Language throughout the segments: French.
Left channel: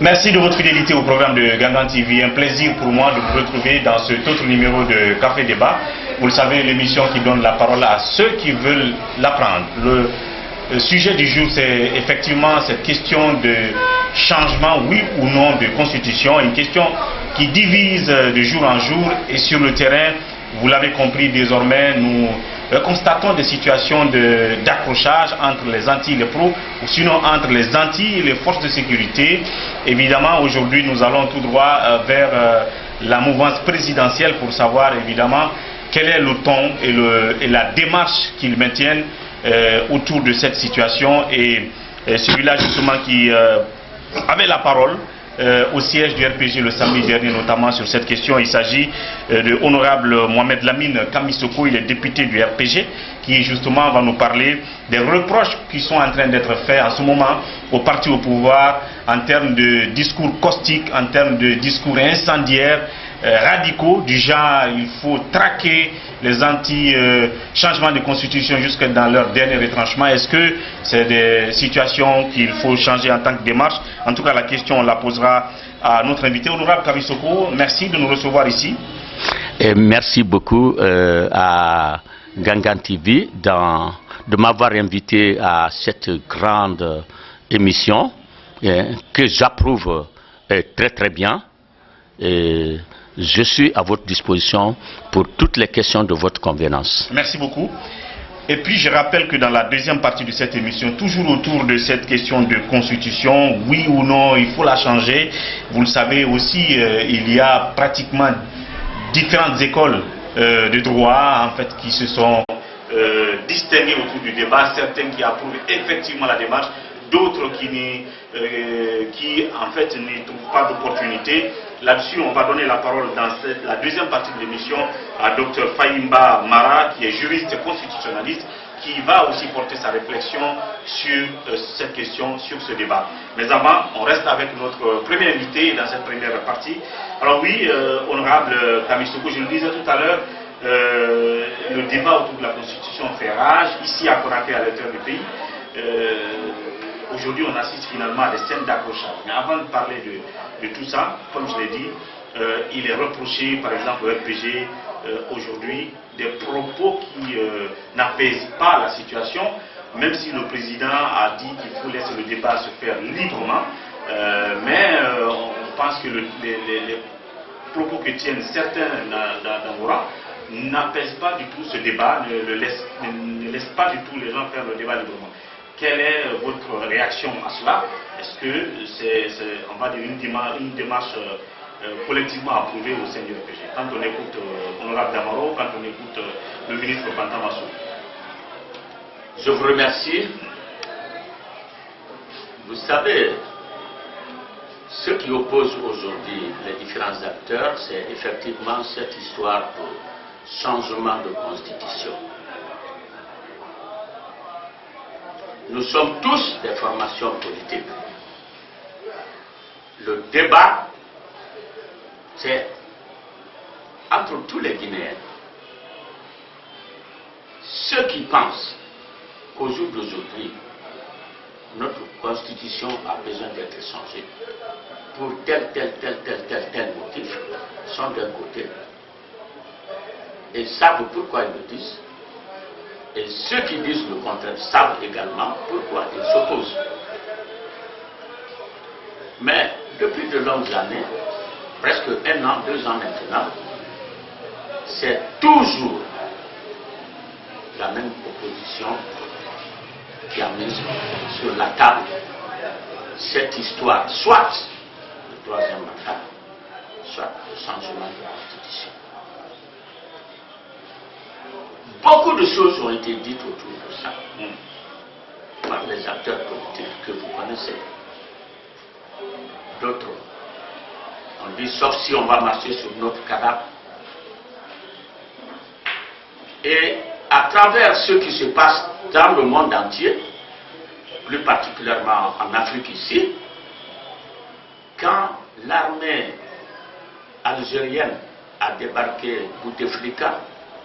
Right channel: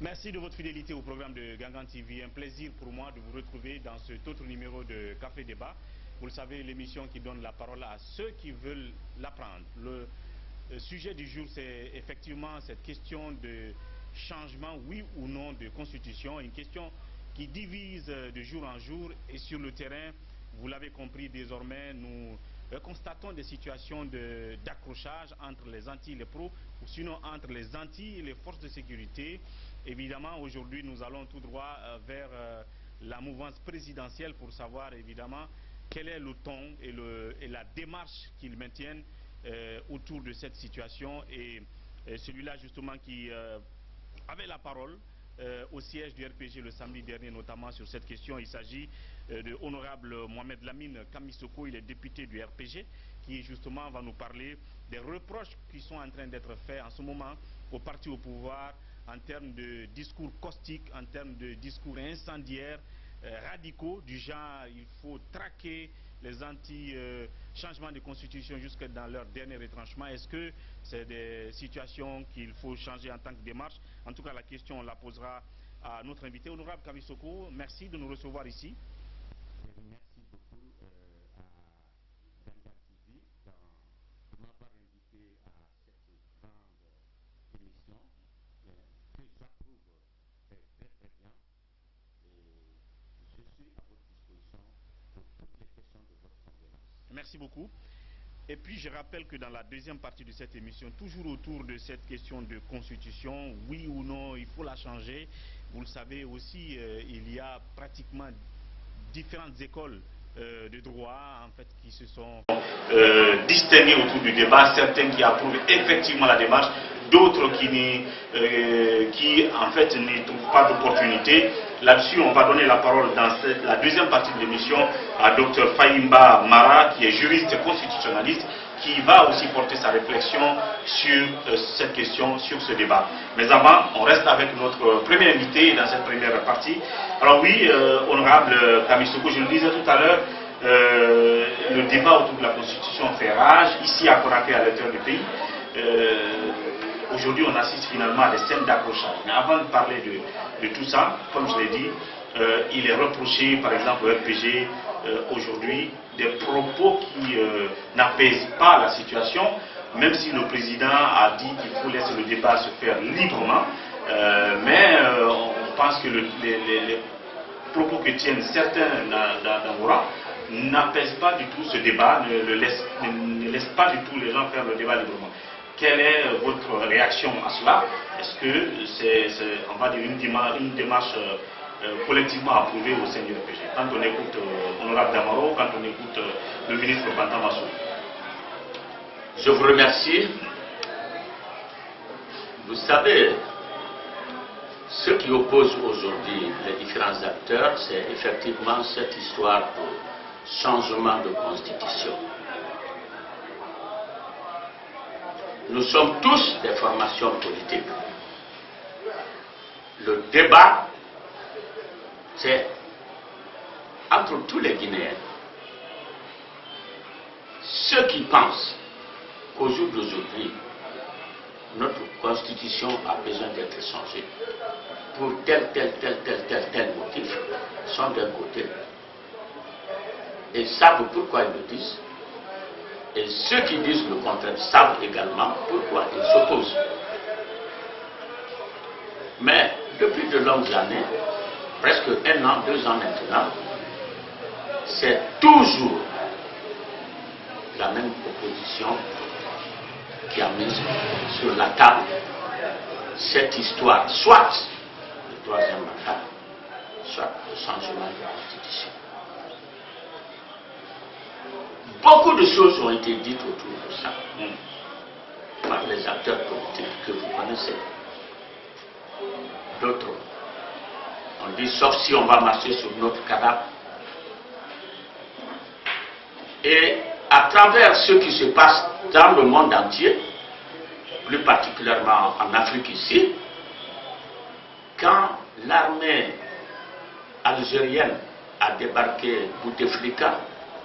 Merci de votre fidélité au programme de Gangan TV. Un plaisir pour moi de vous retrouver dans cet autre numéro de Café Débat. Vous le savez, l'émission qui donne la parole à ceux qui veulent l'apprendre. Le sujet du jour, c'est effectivement cette question de changement, oui ou non, de constitution. Une question qui divise de jour en jour et sur le terrain, vous l'avez compris désormais, nous constatons des situations d'accrochage entre les anti et les pros, ou sinon entre les anti et les forces de sécurité. Évidemment, aujourd'hui, nous allons tout droit vers la mouvance présidentielle pour savoir évidemment quel est le ton et la démarche qu'ils maintiennent autour de cette situation. Et celui-là justement qui avait la parole au siège du RPG le samedi dernier, notamment sur cette question. Il s'agit de Honorable Mohamed Lamine Kamisoko, il est député du RPG, qui justement va nous parler des reproches qui sont en train d'être faits en ce moment au parti au pouvoir en termes de discours caustiques, en termes de discours incendiaires, radicaux, du genre il faut traquer les anti-changements de constitution jusque dans leur dernier retranchement. Est-ce que c'est des situations qu'il faut changer en tant que démarche? En tout cas, la question, on la posera à notre invité, Honorable Kamisoko. Merci de nous recevoir ici. Et merci beaucoup à Gangan TV de m'avoir invité à cette grande émission que j'approuve très très bien. Et je suis à votre disposition pour toutes les questions de votre convenance. Merci beaucoup. Et puis je rappelle que dans la deuxième partie de cette émission, toujours autour de cette question de constitution, oui ou non, il faut la changer. Vous le savez aussi, il y a pratiquement différentes écoles de droit en fait, qui se sont distinguées autour du débat. Certains qui approuvent effectivement la démarche, d'autres qui en fait ne trouvent pas d'opportunité. Là-dessus, on va donner la parole dans la deuxième partie de l'émission à Dr Fahimba Mara, qui est juriste constitutionnaliste, qui va aussi porter sa réflexion sur cette question, sur ce débat. Mais avant, on reste avec notre premier invité dans cette première partie. Alors oui, honorable Kamisoko, je le disais tout à l'heure, le débat autour de la Constitution fait rage, ici à Conakry, à l'intérieur du pays. Aujourd'hui, on assiste finalement à des scènes d'accrochage. Mais avant de parler de tout ça, comme je l'ai dit, il est reproché, par exemple, au RPG, aujourd'hui, des propos qui n'apaisent pas la situation, même si le président a dit qu'il faut laisser le débat se faire librement. Mais on pense que les propos que tiennent certains d'Angola n'apaisent pas du tout ce débat, ne laissent pas du tout les gens faire le débat librement. Quelle est votre réaction à cela? Est-ce que c'est, on va dire, une démarche collectivement approuvée au sein du RPG? Quand on écoute Honorable Damaro, quand on écoute le ministre Bantamassou. Je vous remercie. Vous savez, ce qui oppose aujourd'hui les différents acteurs, c'est effectivement cette histoire de changement de constitution. Nous sommes tous des formations politiques. Le débat, c'est entre tous les Guinéens. Ceux qui pensent qu'au jour d'aujourd'hui, notre constitution a besoin d'être changée pour tel motif sont d'un côté et savent pourquoi ils le disent. Et ceux qui disent le contraire savent également pourquoi ils s'opposent. Mais depuis de longues années, presque 1 an, 2 ans maintenant, c'est toujours la même opposition qui a mis sur la table cette histoire, soit le 3e mandat, soit le changement de la Constitution. Beaucoup de choses ont été dites autour de ça par les acteurs politiques que vous connaissez. D'autres, on dit sauf si on va marcher sur notre cadavre. Et à travers ce qui se passe dans le monde entier, plus particulièrement en Afrique ici, quand l'armée algérienne a débarqué Bouteflika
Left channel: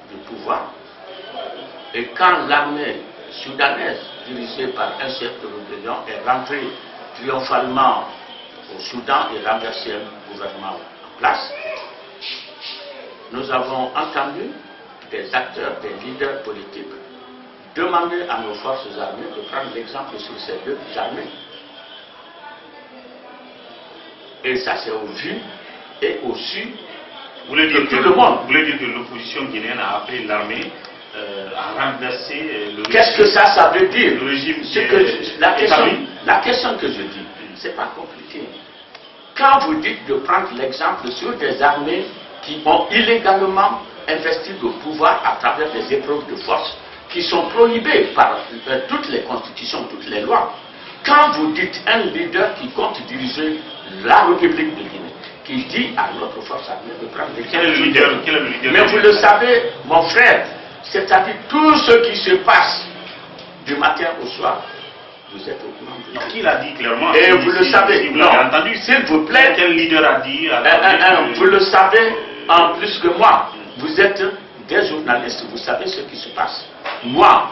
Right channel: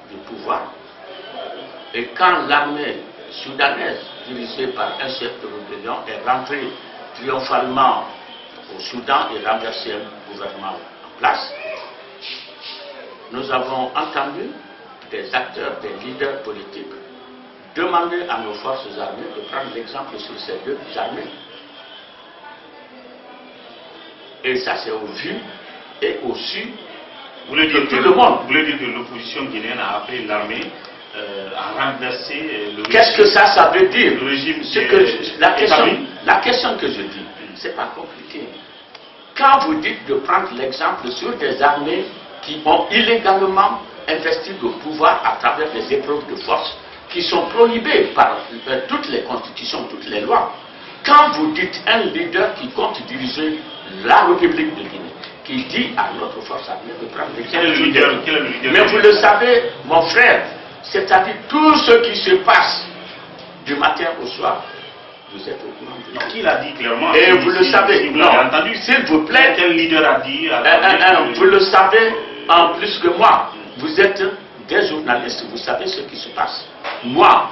du pouvoir, et quand l'armée soudanaise, dirigée par un chef de rébellion, est rentrée triomphalement au Soudan et renverser un gouvernement en place. Nous avons entendu des acteurs, des leaders politiques demander à nos forces armées de prendre l'exemple sur ces deux armées. Et ça, c'est au vu et au su de tout le monde. Vous voulez dire que l'opposition guinéenne a appelé l'armée à renverser le régime? Qu'est-ce que ça veut dire? Le régime la question que je dis, c'est pas compliqué. Quand vous dites de prendre l'exemple sur des armées qui ont illégalement investi le pouvoir à travers des épreuves de force, qui sont prohibées par toutes les constitutions, toutes les lois, quand vous dites un leader qui compte diriger la République de Guinée, qui dit à notre force armée de prendre l'exemple. Quel est le leader? Mais vous le savez, mon frère, c'est-à-dire tout ce qui se passe du matin au soir, vous êtes au courant de ça. Qui l'a dit clairement? Et vous le savez. Vous l'avez entendu? S'il vous plaît. Quel leader a dit? Vous le savez en plus que moi. Vous êtes des journalistes, vous savez ce qui se passe. Moi,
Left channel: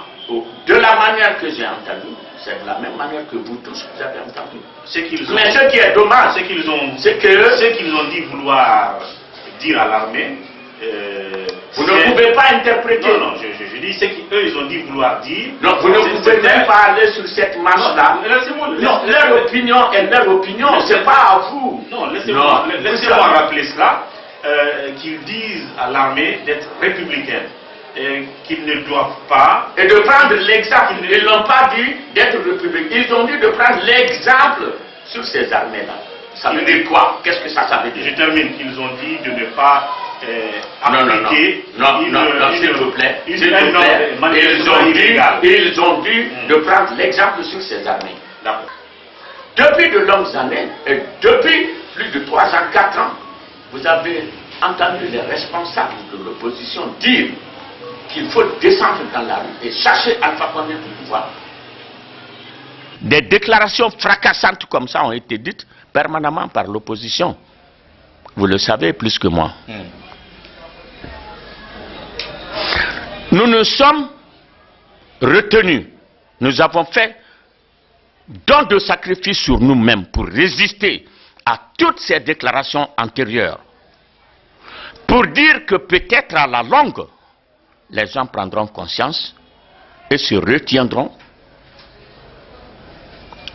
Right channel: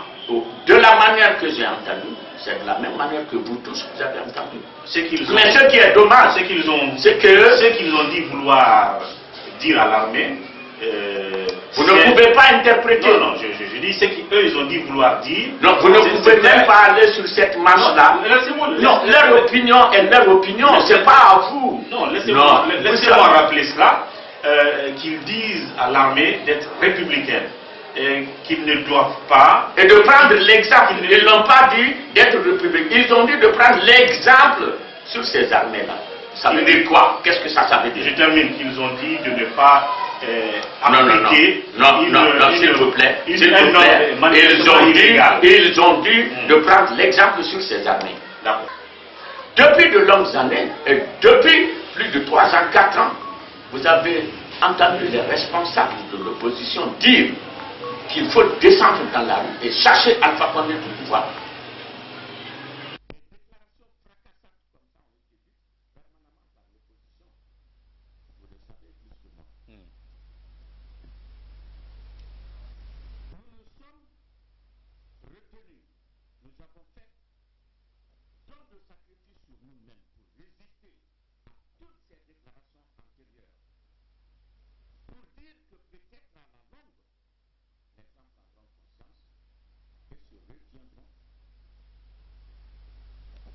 de la manière que j'ai entendu, c'est de la même manière que vous tous vous avez entendu. Mais ce qui est dommage, c'est qu'ils ont dit vouloir dire à l'armée. Vous ne pouvez pas interpréter. Non, je dis ce qu'eux ils ont dit vouloir dire. Non, vous ne pouvez même pas aller sur cette marche-là. Non, leur opinion est leur opinion, c'est pas à vous. Non, laissez-moi rappeler cela. Qu'ils disent à l'armée d'être républicaine. Qu'ils ne doivent pas... Et de prendre l'exemple. Ils n'ont pas dit d'être républicains. Ils ont dit de prendre l'exemple sur ces armées-là. Ça veut dire quoi? Qu'est-ce que ça veut dire? Je termine. Qu'ils ont dit de ne pas appliquer... Non, s'il vous plaît. Ils ont dit de prendre l'exemple sur ces armées. D'accord. Depuis de longues années, et depuis plus de 3 ans, 4 ans, vous avez entendu les responsables de l'opposition dire qu'il faut descendre dans la rue et chercher Alpha Condé du pouvoir. Des déclarations fracassantes comme ça ont été dites permanemment par l'opposition. Vous le savez plus que moi. Nous nous sommes retenus. Nous avons fait don de sacrifice sur nous-mêmes pour résister à toutes ces déclarations antérieures, pour dire que peut-être à la longue, les gens prendront conscience et se retiendront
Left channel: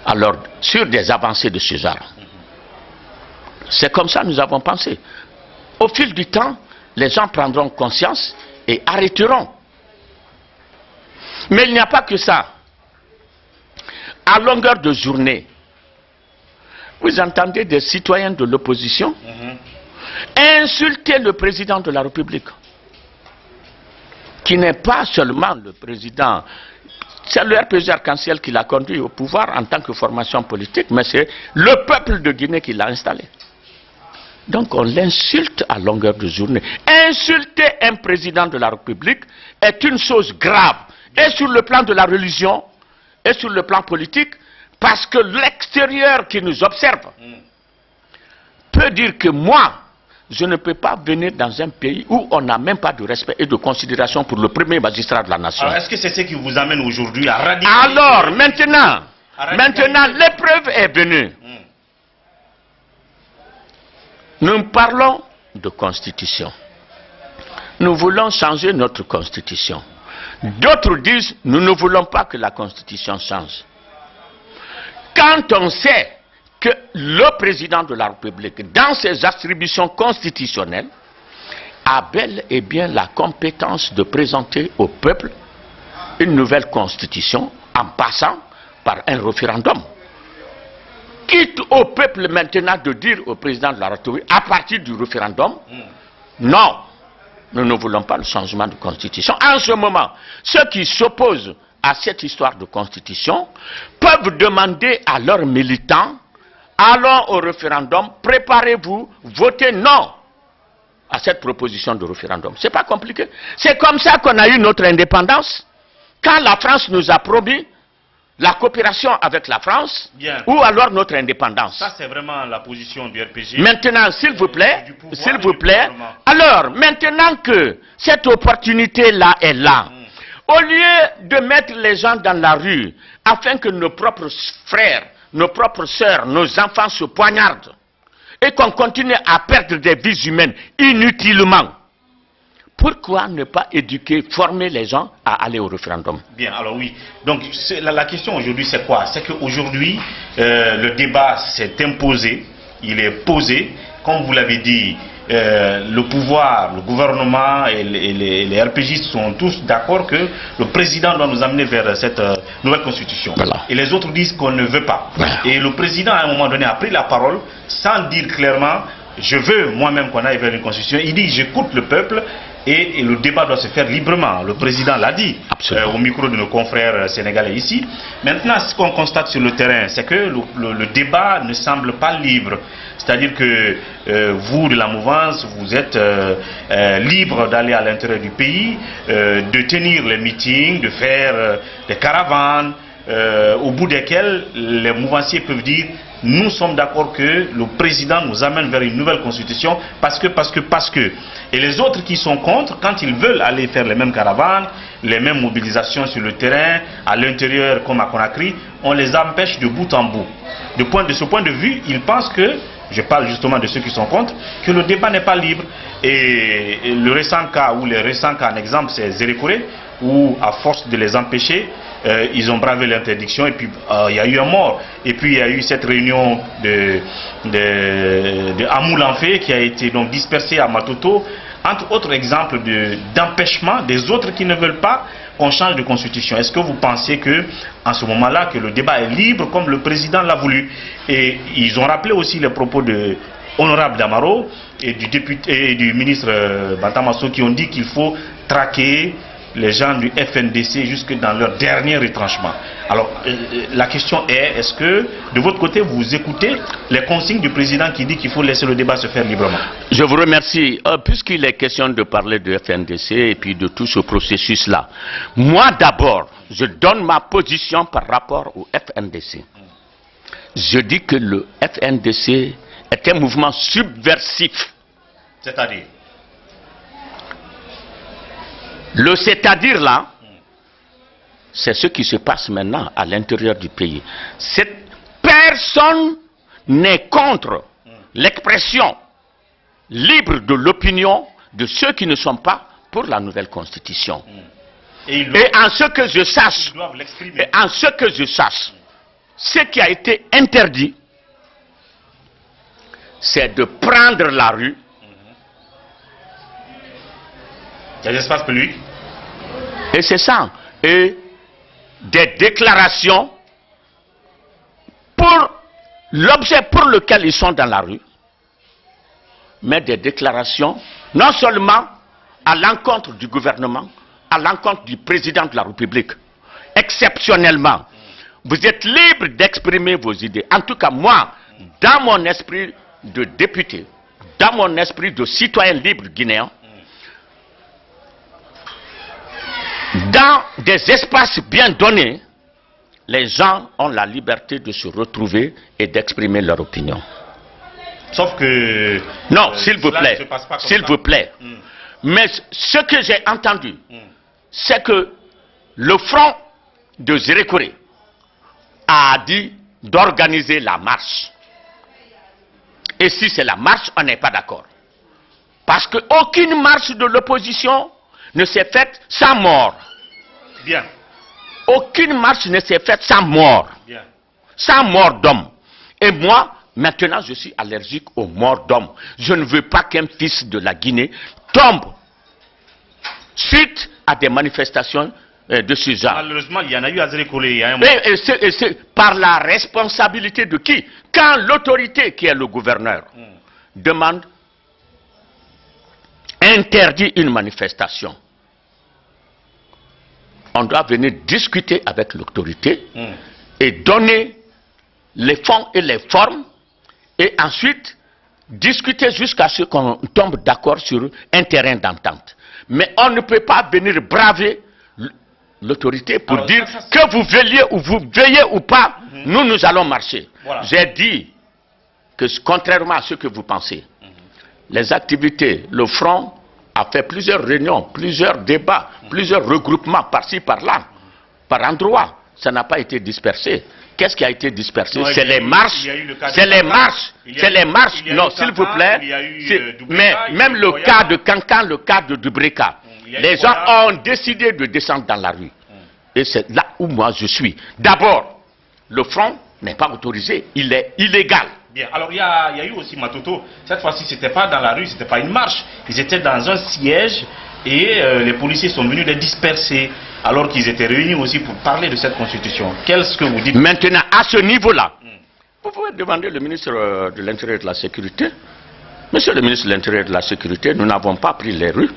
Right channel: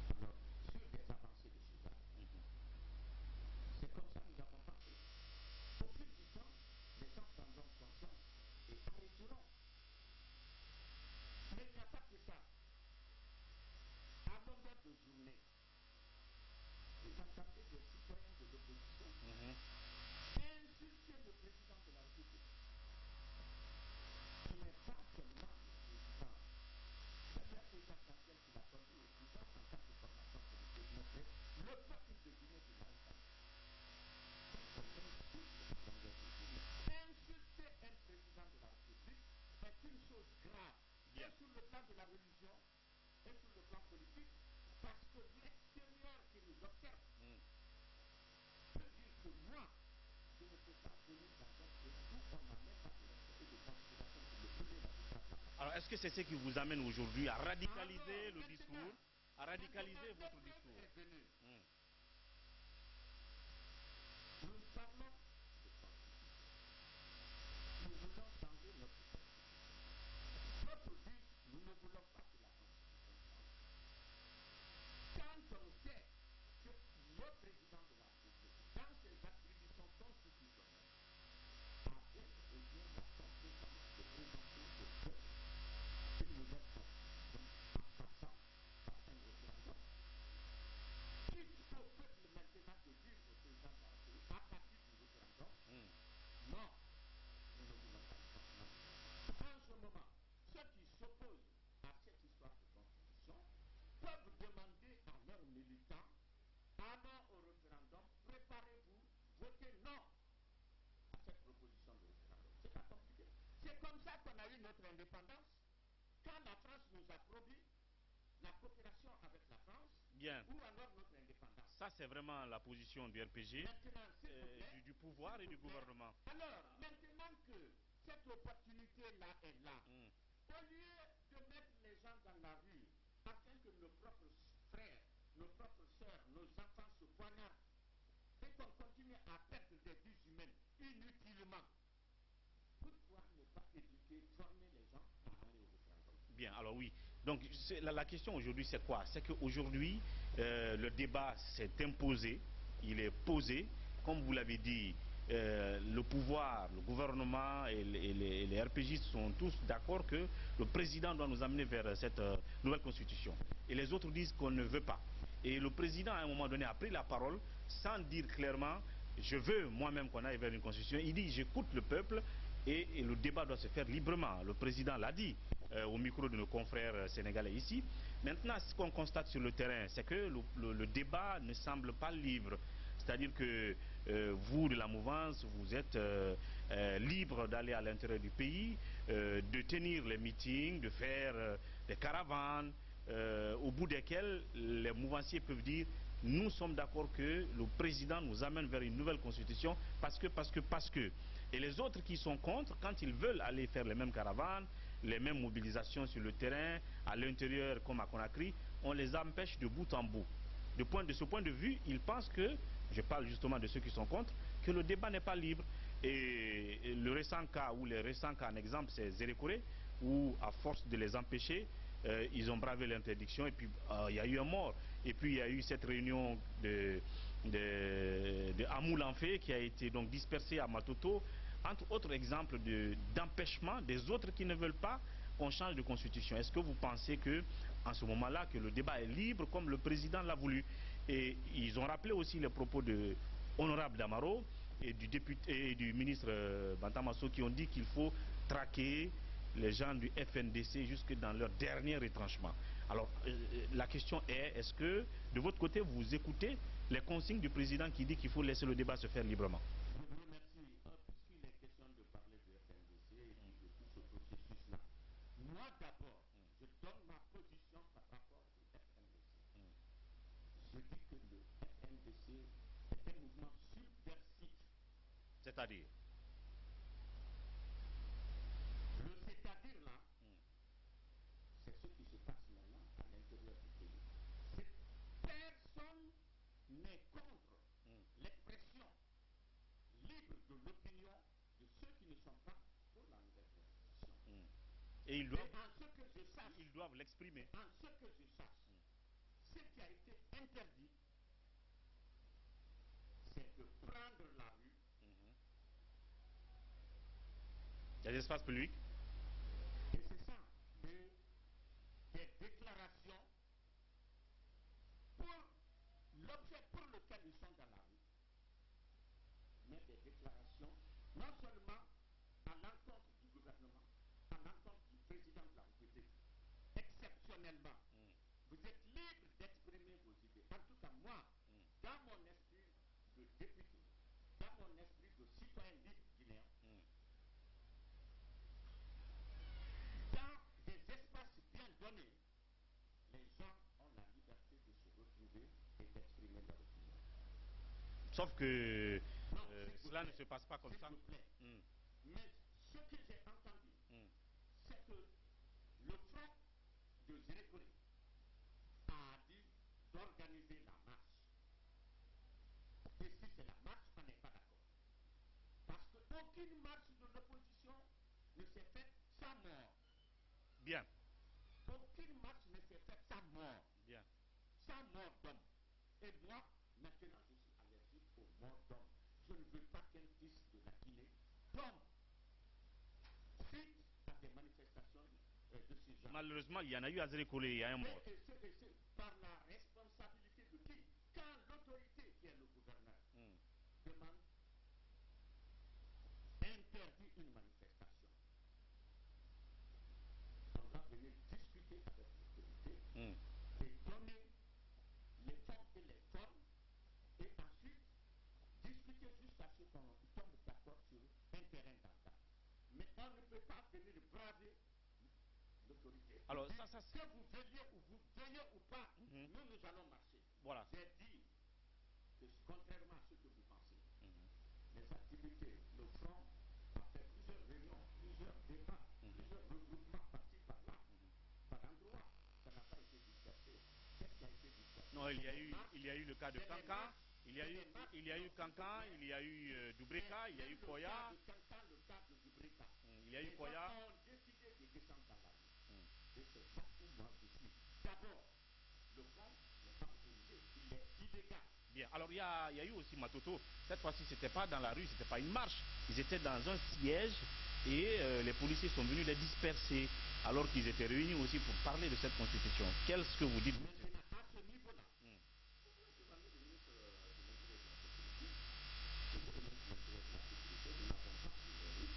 alors sur des avancées de ce genre. C'est comme ça que nous avons pensé. Au fil du temps, les gens prendront conscience et arrêteront. Mais il n'y a pas que ça. À longueur de journée, vous entendez des citoyens de l'opposition insulter le président de la République, qui n'est pas seulement le président, c'est le RPG Arc-en-Ciel qui l'a conduit au pouvoir en tant que formation politique, mais c'est le peuple de Guinée qui l'a installé. Donc on l'insulte à longueur de journée. Insulter un président de la République est une chose grave, et sur le plan de la religion, et sur le plan politique, parce que l'extérieur qui nous observe peut dire que moi, je ne peux pas venir dans un pays où on n'a même pas de respect et de considération pour le premier magistrat de la nation. Alors, est-ce que c'est ce qui vous amène aujourd'hui à radicaliser? Alors, maintenant, l'épreuve est venue. Nous parlons de constitution. Nous voulons changer notre constitution. D'autres disent, nous ne voulons pas que la constitution change. Quand on sait que le président de la République, dans ses attributions constitutionnelles, a bel et bien la compétence de présenter au peuple une nouvelle constitution en passant par un référendum. Quitte au peuple maintenant de dire au président de la République, à partir du référendum, non, nous ne voulons pas le changement de constitution. En ce moment, ceux qui s'opposent à cette histoire de constitution peuvent demander à leurs militants, allons au référendum, préparez-vous, votez non à cette proposition de référendum. C'est pas compliqué. C'est comme ça qu'on a eu notre indépendance. Quand la France nous a promis la coopération avec la France, ou alors notre indépendance. Ça, c'est vraiment la position du RPG. Maintenant, s'il vous plaît, alors, maintenant que cette opportunité-là est là, au lieu de mettre les gens dans la rue, afin que nos propres frères, nos propres sœurs, nos enfants se poignardent et qu'on continue à perdre des vies humaines inutilement, pourquoi ne pas éduquer, former les gens à aller au référendum? Bien, alors oui. Donc la question aujourd'hui, c'est quoi? C'est qu'aujourd'hui, le débat s'est imposé, il est posé. Comme vous l'avez dit, le pouvoir, le gouvernement et les RPJ sont tous d'accord que le président doit nous amener vers cette nouvelle constitution. Voilà. Et les autres disent qu'on ne veut pas. Voilà. Et le président, à un moment donné, a pris la parole sans dire clairement, je veux moi-même qu'on aille vers une constitution. Il dit, j'écoute le peuple. Et le débat doit se faire librement. Le président l'a dit au micro de nos confrères sénégalais ici. Maintenant, ce qu'on constate sur le terrain, c'est que le débat ne semble pas libre. C'est-à-dire que vous, de la mouvance, vous êtes libre d'aller à l'intérieur du pays, de tenir les meetings, de faire des caravanes, au bout desquels les mouvanciers peuvent dire nous sommes d'accord que le président nous amène vers une nouvelle constitution parce que. Et les autres qui sont contre, quand ils veulent aller faire les mêmes caravanes, les mêmes mobilisations sur le terrain, à l'intérieur comme à Conakry, on les empêche de bout en bout. De ce point de vue, ils pensent que, je parle justement de ceux qui sont contre, que le débat n'est pas libre. Et le récent cas, ou les récents cas en exemple, c'est Zérékoré, où à force de les empêcher, ils ont bravé l'interdiction et puis il y a eu un mort. Et puis il y a eu cette réunion de Amoulanfé qui a été donc dispersée à Matoto, entre autres exemples d'empêchement des autres qui ne veulent pas qu'on change de constitution. Est-ce que vous pensez que en ce moment-là, que le débat est libre comme le président l'a voulu? Et ils ont rappelé aussi les propos de Honorable Damaro et du député et du ministre Bantamasso qui ont dit qu'il faut traquer les gens du FNDC jusque dans leur dernier retranchement. Alors, la question est, est-ce que, de votre côté, vous écoutez les consignes du président qui dit qu'il faut laisser le débat se faire librement? Je vous remercie. Puisqu'il est question de parler de FNDC et puis de tout ce processus-là, moi d'abord, je donne ma position par rapport au FNDC. Je dis que le FNDC est un mouvement subversif. C'est-à-dire? Le c'est-à-dire là, c'est ce qui se passe maintenant à l'intérieur du pays. Personne n'est contre l'expression libre de l'opinion de ceux qui ne sont pas pour la nouvelle constitution. Et en ce que je sache, ce qui a été interdit, c'est de prendre la rue. Il y a des espaces publics. Et c'est ça. Et des déclarations pour l'objet pour lequel ils sont dans la rue, mais des déclarations non seulement à l'encontre du gouvernement, à l'encontre du président de la République. Exceptionnellement, vous êtes libre d'exprimer vos idées. En tout cas, moi, dans mon esprit de député, dans mon esprit de citoyen libre guinéen, dans des espaces bien donnés, les gens ont la liberté de se retrouver et d'exprimer leur opinion. Sauf que... Non, s'il vous plaît, s'il vous plaît. Mais ce que j'ai entendu, c'est que le front de Zérékoré a dit d'organiser la marche. Et si c'est la marche, on n'est pas d'accord. Parce qu'aucune marche de l'opposition ne s'est faite sans mort. Bien. Aucune marche ne s'est faite sans mort. Bien. Sans mort d'homme. Et moi, maintenant, je suis allergique aux morts d'hommes. Je ne veux pas qu'un fils de la Guinée tombe suite à des manifestations de ce genre. Malheureusement, il y en a eu à Zérékoré. Et c'est par la responsabilité de qui? Quand l'autorité, qui est le gouverneur, demande, interdit une manifestation, on doit venir discuter avec l'autorité et donner les fonds et les formes et ensuite discuter jusqu'à ce qu'on tombe d'accord sur un terrain d'entente. Mais on ne peut pas venir braver l'autorité pour dire que vous veillez ou pas, nous allons marcher. Voilà. J'ai dit que contrairement à ce que vous pensez, les activités, le front a fait plusieurs réunions, plusieurs débats, plusieurs regroupements par-ci, par-là, par endroits. Ça n'a pas été dispersé. Qu'est-ce qui a été dispersé? Non, c'est les marches. C'est les marches. C'est les marches. Non, s'il vous plaît. Mais même le cas de Cancan, le cas de Dubreka, les gens ont décidé de descendre dans la rue. Et c'est là où moi je suis. D'abord, le front n'est pas autorisé. Il est illégal. Bien. Alors il y a eu aussi Matoto. Cette fois-ci, c'était pas dans la rue, c'était pas une marche. Ils étaient dans un siège et les policiers sont venus les disperser alors qu'ils étaient réunis aussi pour parler de cette constitution. Qu'est-ce que vous dites? Maintenant, à ce niveau-là, vous pouvez demander au ministre de l'Intérieur et de la Sécurité. Monsieur le ministre de l'Intérieur et de la Sécurité, nous n'avons pas pris les rues.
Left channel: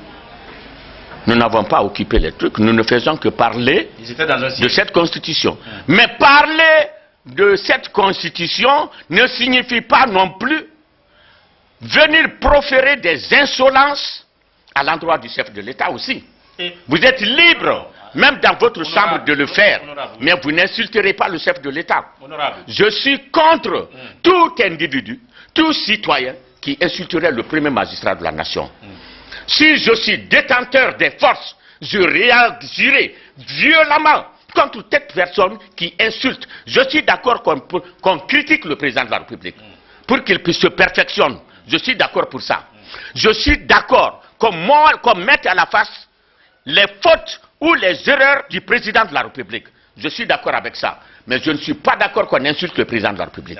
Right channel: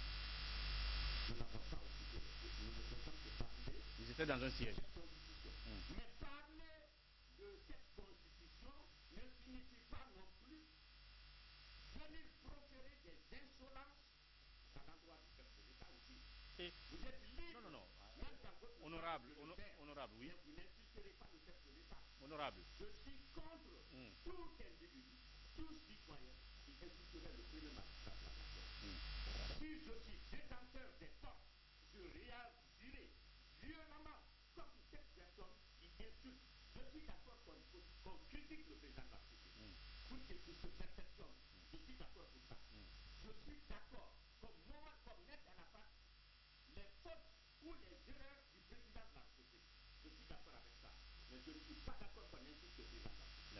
Nous n'avons pas occupé les trucs. Nous ne faisons que parler de cette constitution. Mais parler de cette constitution ne signifie pas non plus venir proférer des insolences à l'endroit du chef de l'État aussi. Vous êtes libre, même dans votre chambre, de le faire, mais vous n'insulterez pas le chef de l'État. Je suis contre tout individu, tout citoyen qui insulterait le premier magistrat de la nation. Si je suis détenteur des forces, je réagirai violemment contre toute personne qui insulte. Je suis d'accord qu'on critique le président de la République pour qu'il puisse se perfectionner. Je suis d'accord pour ça. Je suis d'accord qu'on mette à la face les fautes ou les erreurs du président de la République. Je suis d'accord avec ça. Mais je ne suis pas d'accord qu'on insulte le président de la République.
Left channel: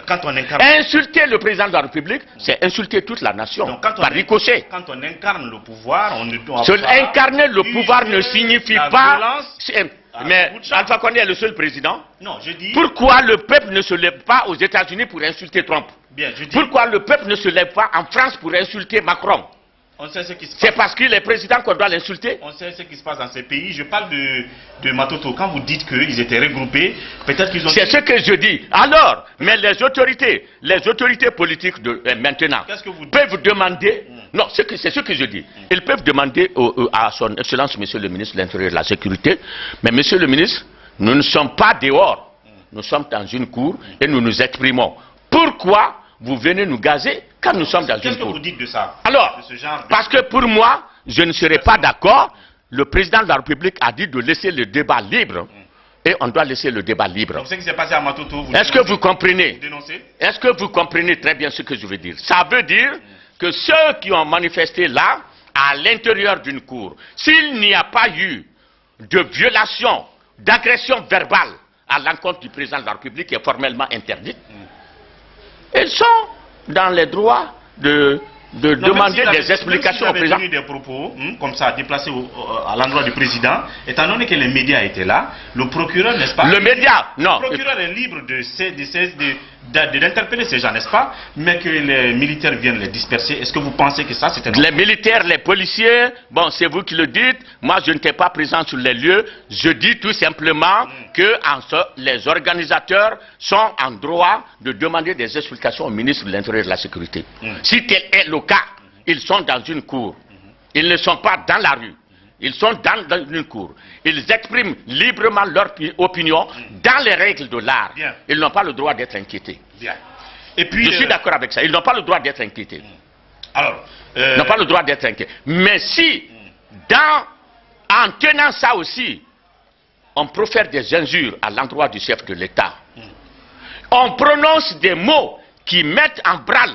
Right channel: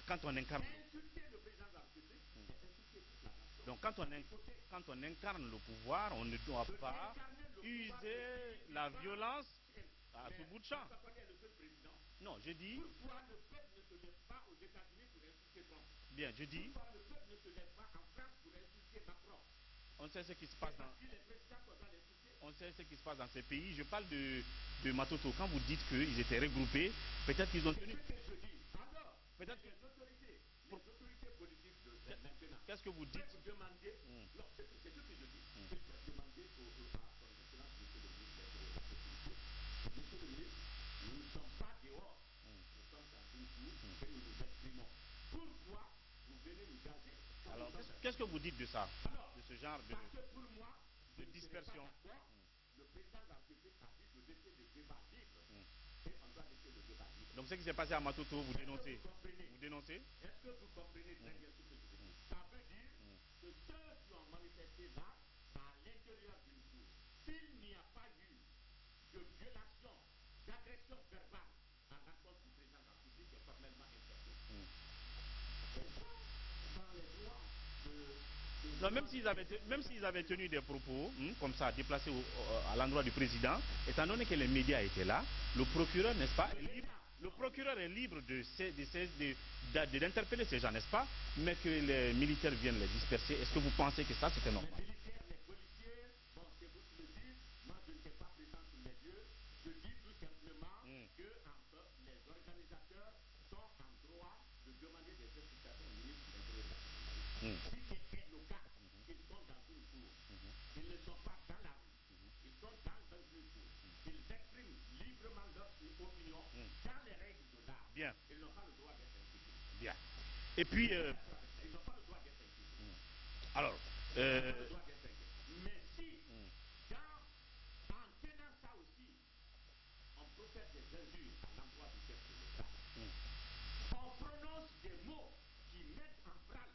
Insulter le président de la République, c'est insulter toute la nation, donc, par ricochet. Quand on incarne le pouvoir, on ne doit incarner le pouvoir ne signifie pas... Mais Alpha Condé est le seul président. Non, je dis... Pourquoi le peuple ne se lève pas aux États-Unis pour insulter Trump? Bien, je dis... Pourquoi le peuple ne se lève pas en France pour insulter Macron? C'est parce qu'il est président qu'on doit l'insulter? On sait ce qui se passe dans ces pays. Je parle de Matoto. Quand vous dites qu'ils étaient regroupés, peut-être qu'ils ont... C'est ce que je dis. Alors, mais les autorités politiques maintenant peuvent demander... Non, c'est ce que je dis. Ils peuvent demander à son Excellence, Monsieur le ministre de l'Intérieur et de la Sécurité, mais Monsieur le ministre, nous ne sommes pas dehors. Nous sommes dans une cour et nous nous exprimons. Pourquoi vous venez nous gazer quand nous sommes dans une cour? Qu'est-ce que vous dites de ça? Alors, parce que pour moi, je ne serai pas d'accord. Le président de la République a dit de laisser le débat libre. Et on doit laisser le débat libre. Donc, ce qui s'est passé à Matoto, est-ce que vous comprenez? Est-ce que vous comprenez très bien ce que je veux dire? Ça veut dire que ceux qui ont manifesté là, à l'intérieur d'une cour, s'il n'y a pas eu de violation, d'agression verbale à l'encontre du président de la République qui est formellement interdite, ils sont dans les droits de demander des explications au président. Des propos comme ça déplacés à l'endroit du président, étant donné que les médias étaient là, le procureur, n'est-ce pas? Le média, non. Le procureur est libre d'interpeller ces gens, n'est-ce pas? Mais que les militaires viennent les disperser. Est-ce que vous pensez que ça, c'était... Les militaires, les policiers, bon, c'est vous qui le dites. Moi, je n'étais pas présent sur les lieux. Je dis tout simplement que les organisateurs sont en droit de demander des explications au ministre de l'Intérieur et de la Sécurité. Si tel est le cas, ils sont dans une cour. Ils ne sont pas dans la rue. Ils sont dans une cour. Ils expriment librement leur opinion dans les règles de l'art. Ils n'ont pas le droit d'être inquiétés. Et puis, je suis d'accord avec ça. Ils n'ont pas le droit d'être inquiétés. Alors, ils n'ont pas le droit d'être inquiétés. Mais si, en tenant ça aussi, on profère des injures à l'endroit du chef de l'État, on prononce des mots qui mettent en branle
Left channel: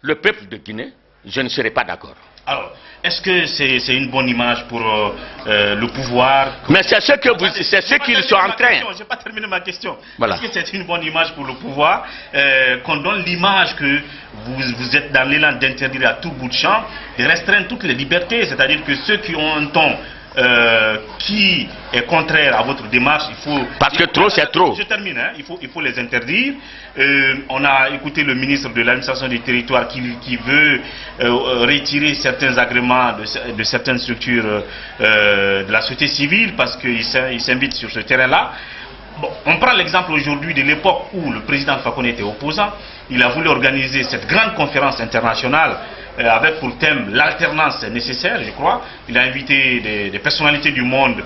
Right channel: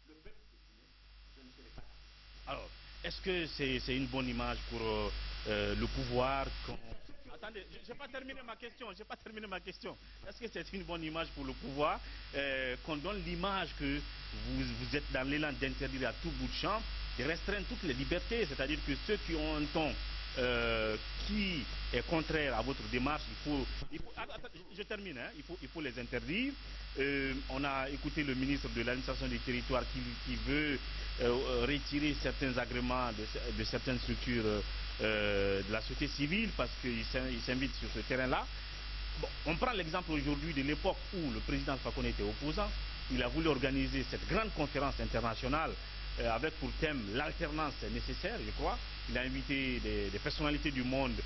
le peuple de Guinée, je ne serai pas d'accord. Alors, est-ce que c'est une bonne image pour le pouvoir? Mais c'est ce qu'ils sont en train. Je n'ai pas terminé ma question. Voilà. Est-ce que c'est une bonne image pour le pouvoir qu'on donne l'image que vous êtes dans l'élan d'interdire à tout bout de champ, de restreindre toutes les libertés, c'est-à-dire que ceux qui ont un ton qui est contraire à votre démarche, il faut... Parce que trop, c'est trop. Je termine, hein, il faut les interdire. On a écouté le ministre de l'administration du territoire qui veut retirer certains agréments de certaines structures de la société civile parce qu'il s'invite sur ce terrain-là. Bon, on prend l'exemple aujourd'hui de l'époque où le président Fakonde était opposant. Il a voulu organiser cette grande conférence internationale avec pour thème l'alternance nécessaire, je crois. Il a invité des personnalités du monde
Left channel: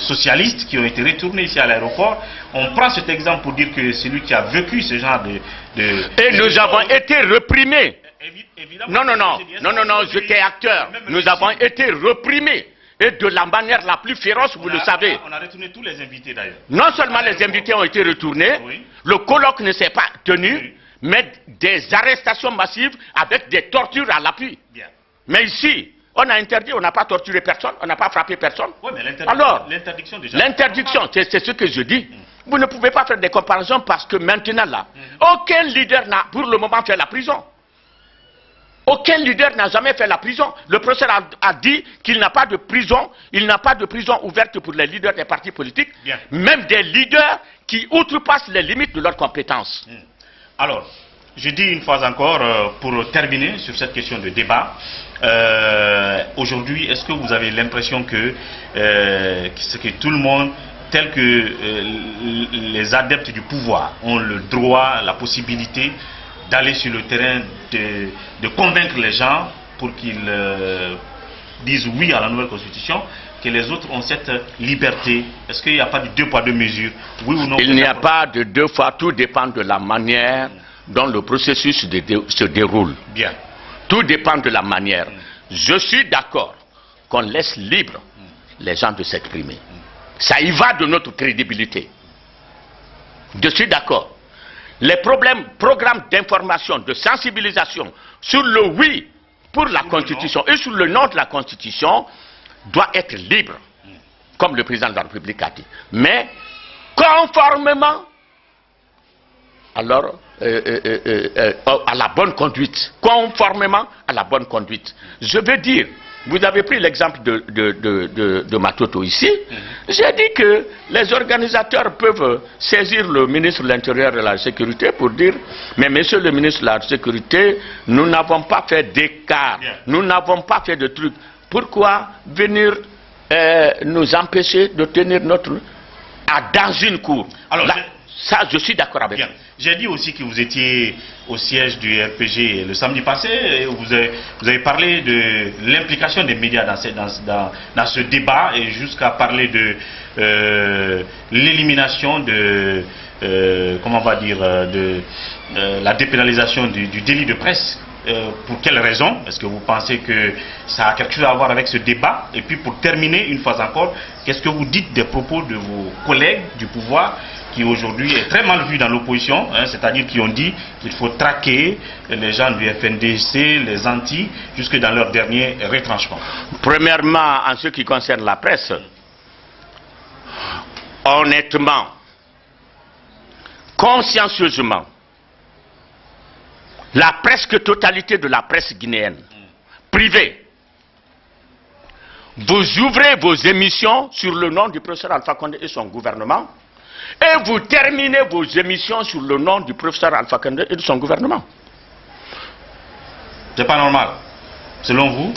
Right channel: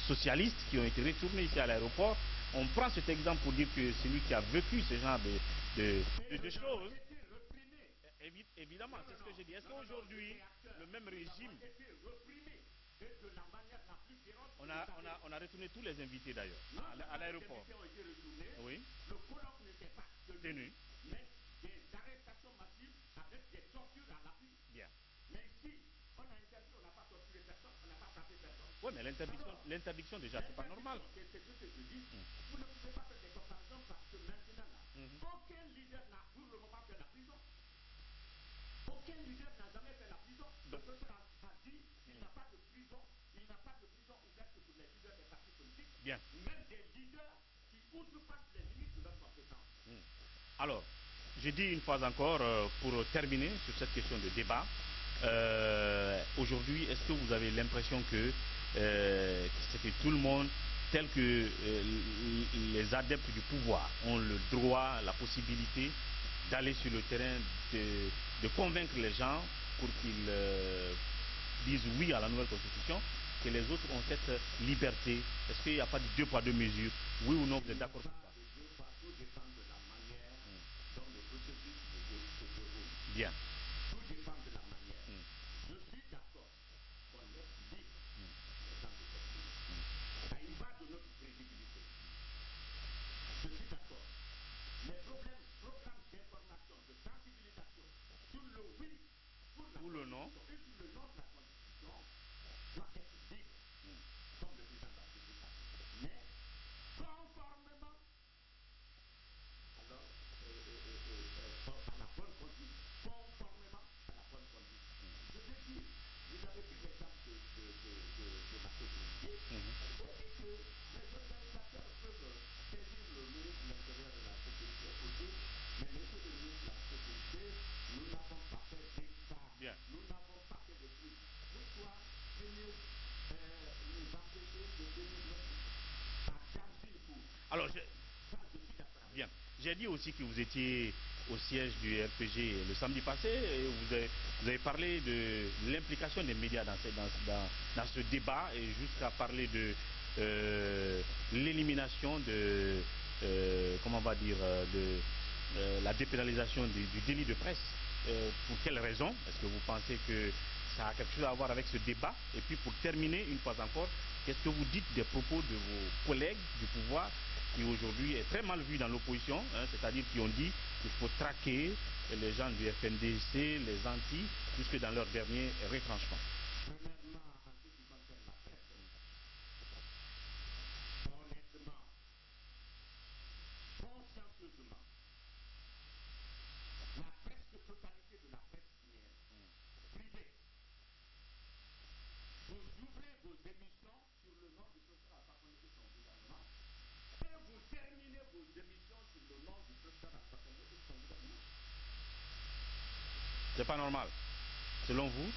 socialistes qui ont été retournées ici à l'aéroport. On prend cet exemple pour dire que c'est lui qui a vécu ce genre Et nous avons été reprimés. Non, j'étais acteur. Nous avons été reprimés. et de la manière la plus féroce, vous le savez. On a retourné tous les invités d'ailleurs. Non seulement les invités ont été retournés, le colloque ne s'est pas tenu, mais des arrestations massives avec des tortures à l'appui. Mais ici, on a interdit, on n'a pas torturé personne, on n'a pas frappé personne. Oui, mais alors, l'interdiction, c'est ce que je dis. Vous ne pouvez pas faire des comparaisons parce que maintenant là, aucun leader n'a pour le moment fait la prison. Aucun leader n'a jamais fait la prison. Le professeur a dit qu'il n'a pas de prison, il n'a pas de prison ouverte pour les leaders des partis politiques, même des leaders qui outrepassent les limites de leurs compétences. Alors, je dis une fois encore, pour terminer sur cette question de débat, aujourd'hui, est-ce que vous avez l'impression que tout le monde, tel que les adeptes du pouvoir, ont le droit, la possibilité d'aller sur le terrain, de convaincre les gens pour qu'ils disent oui à la nouvelle constitution, que les autres ont cette liberté? Est-ce qu'il n'y a pas de deux poids deux mesures? Oui ou non? Il n'y a pas de deux fois, tout dépend de la manière dont le processus se déroule. Bien. Tout dépend de la manière. Je suis d'accord qu'on laisse libre les gens de s'exprimer. Ça y va de notre crédibilité. Je suis d'accord. Les programmes d'information, de sensibilisation sur le oui pour la Constitution et sur le non de la Constitution doit être libre, comme le président de la République a dit. Mais conformément alors à la bonne conduite. Conformément à la bonne conduite. Je veux dire, vous avez pris l'exemple de Matoto ici. J'ai dit que les organisateurs peuvent saisir le ministre de l'Intérieur et de la Sécurité pour dire, mais monsieur le ministre de la Sécurité, nous n'avons pas fait d'écart, nous n'avons pas fait de trucs. Pourquoi venir nous empêcher de tenir notre... dans une cour? Alors, ça, je suis d'accord avec vous. J'ai dit aussi que vous étiez au siège du RPG le samedi passé. Et vous avez parlé de l'implication des médias dans ce débat et jusqu'à parler de l'élimination de, comment on va dire, de la dépénalisation du délit de presse. Pour quelles raisons? Est-ce que vous pensez que ça a quelque chose à voir avec ce débat? Et puis pour terminer, une fois encore, qu'est-ce que vous dites des propos de vos collègues du pouvoir qui aujourd'hui est très mal vu dans l'opposition, c'est-à-dire qui ont dit qu'il faut traquer les gens du FNDC, les anti, jusque dans leur dernier retranchement? Premièrement, en ce qui concerne la presse, honnêtement, consciencieusement, la presque totalité de la presse guinéenne, privée, vous ouvrez vos émissions sur le nom du professeur Alpha Condé et son gouvernement, et vous terminez vos émissions sur le nom du professeur Alpha Condé et de son gouvernement. C'est pas normal, selon vous?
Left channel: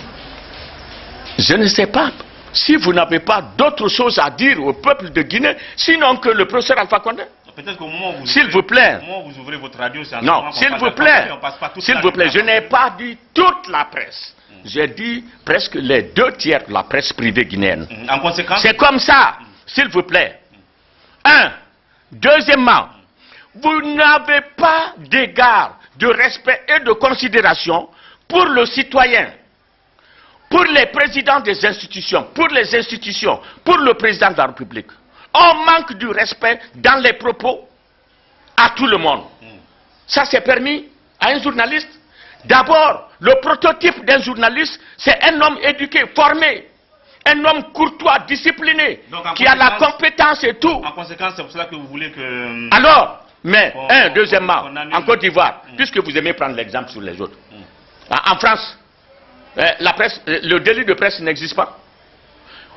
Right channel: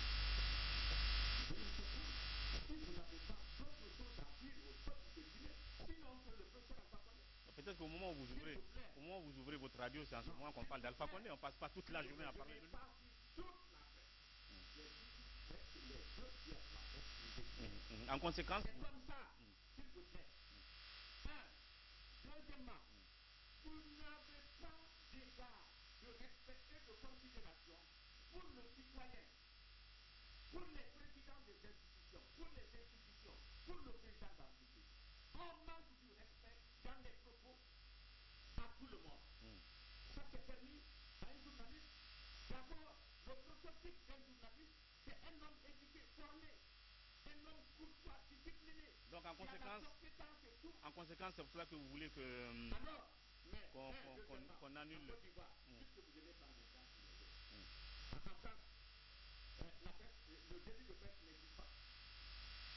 Je ne sais pas. Si vous n'avez pas d'autre chose à dire au peuple de Guinée, sinon que le professeur Alpha Condé. Peut-être qu'au moment où s'il vous plaît. Au moment où vous ouvrez votre radio, c'est non, s'il vous plaît. S'il vous plaît, je n'ai pas dit toute la presse. J'ai dit presque les 2 tiers de la presse privée guinéenne. En conséquence, c'est comme ça, s'il vous plaît. Deuxièmement, vous n'avez pas d'égard, de respect et de considération pour le citoyen, pour les présidents des institutions, pour les institutions, pour le président de la République. On manque du respect dans les propos à tout le monde. Ça c'est permis à un journaliste. D'abord, le prototype d'un journaliste, c'est un homme éduqué, formé, un homme courtois, discipliné, qui a la compétence et tout. En conséquence, c'est pour cela que vous voulez que... Alors, mais, deuxièmement, en Côte d'Ivoire, puisque vous aimez prendre l'exemple sur les autres, en France, la presse, le délit de presse n'existe pas.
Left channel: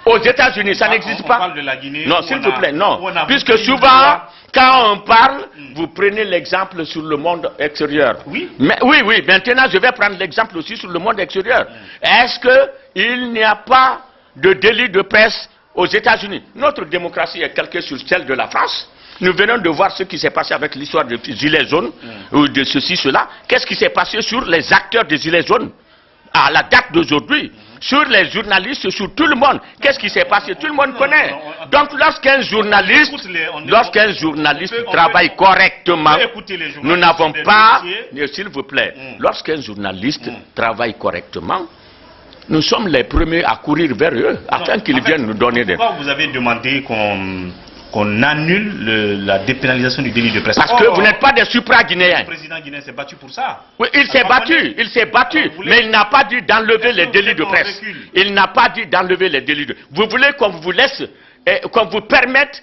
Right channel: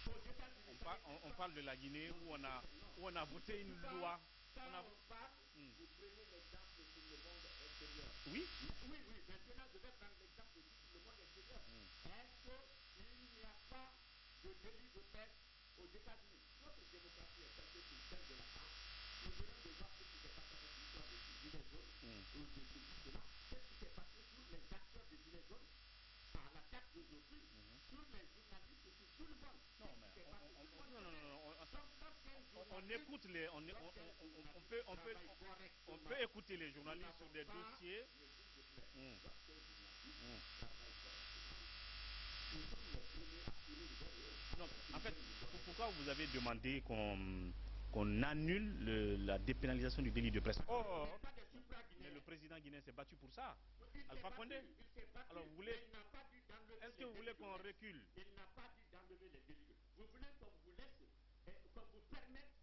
Aux États-Unis, ça n'existe pas. Parle de la Guinée, non, s'il vous plaît, non. Puisque souvent, quand on parle, vous prenez l'exemple sur le monde extérieur. Oui. Mais, oui, maintenant je vais prendre l'exemple aussi sur le monde extérieur. Est-ce qu'il n'y a pas de délit de presse aux États-Unis? Notre démocratie est calquée sur celle de la France. Nous venons de voir ce qui s'est passé avec l'histoire des Gilets jaunes, ou de ceci, cela. Qu'est-ce qui s'est passé sur les acteurs des Gilets jaunes à la date d'aujourd'hui? Sur les journalistes, sur tout le monde. Qu'est-ce qui s'est passé? Tout le monde connaît. Donc lorsqu'un journaliste travaille correctement, nous n'avons pas, s'il vous plaît, lorsqu'un journaliste travaille correctement, nous sommes les premiers à courir vers eux afin qu'ils viennent nous donner des... Pourquoi vous avez demandé qu'on annule la dépénalisation du délit de presse? Parce que vous n'êtes pas des supra-guinéens. Le président guinéen s'est battu pour ça. Oui, il s'est battu, mais il n'a pas dit d'enlever les délits de presse. Il n'a pas dit d'enlever les délits de... Vous voulez qu'on vous laisse, qu'on vous permette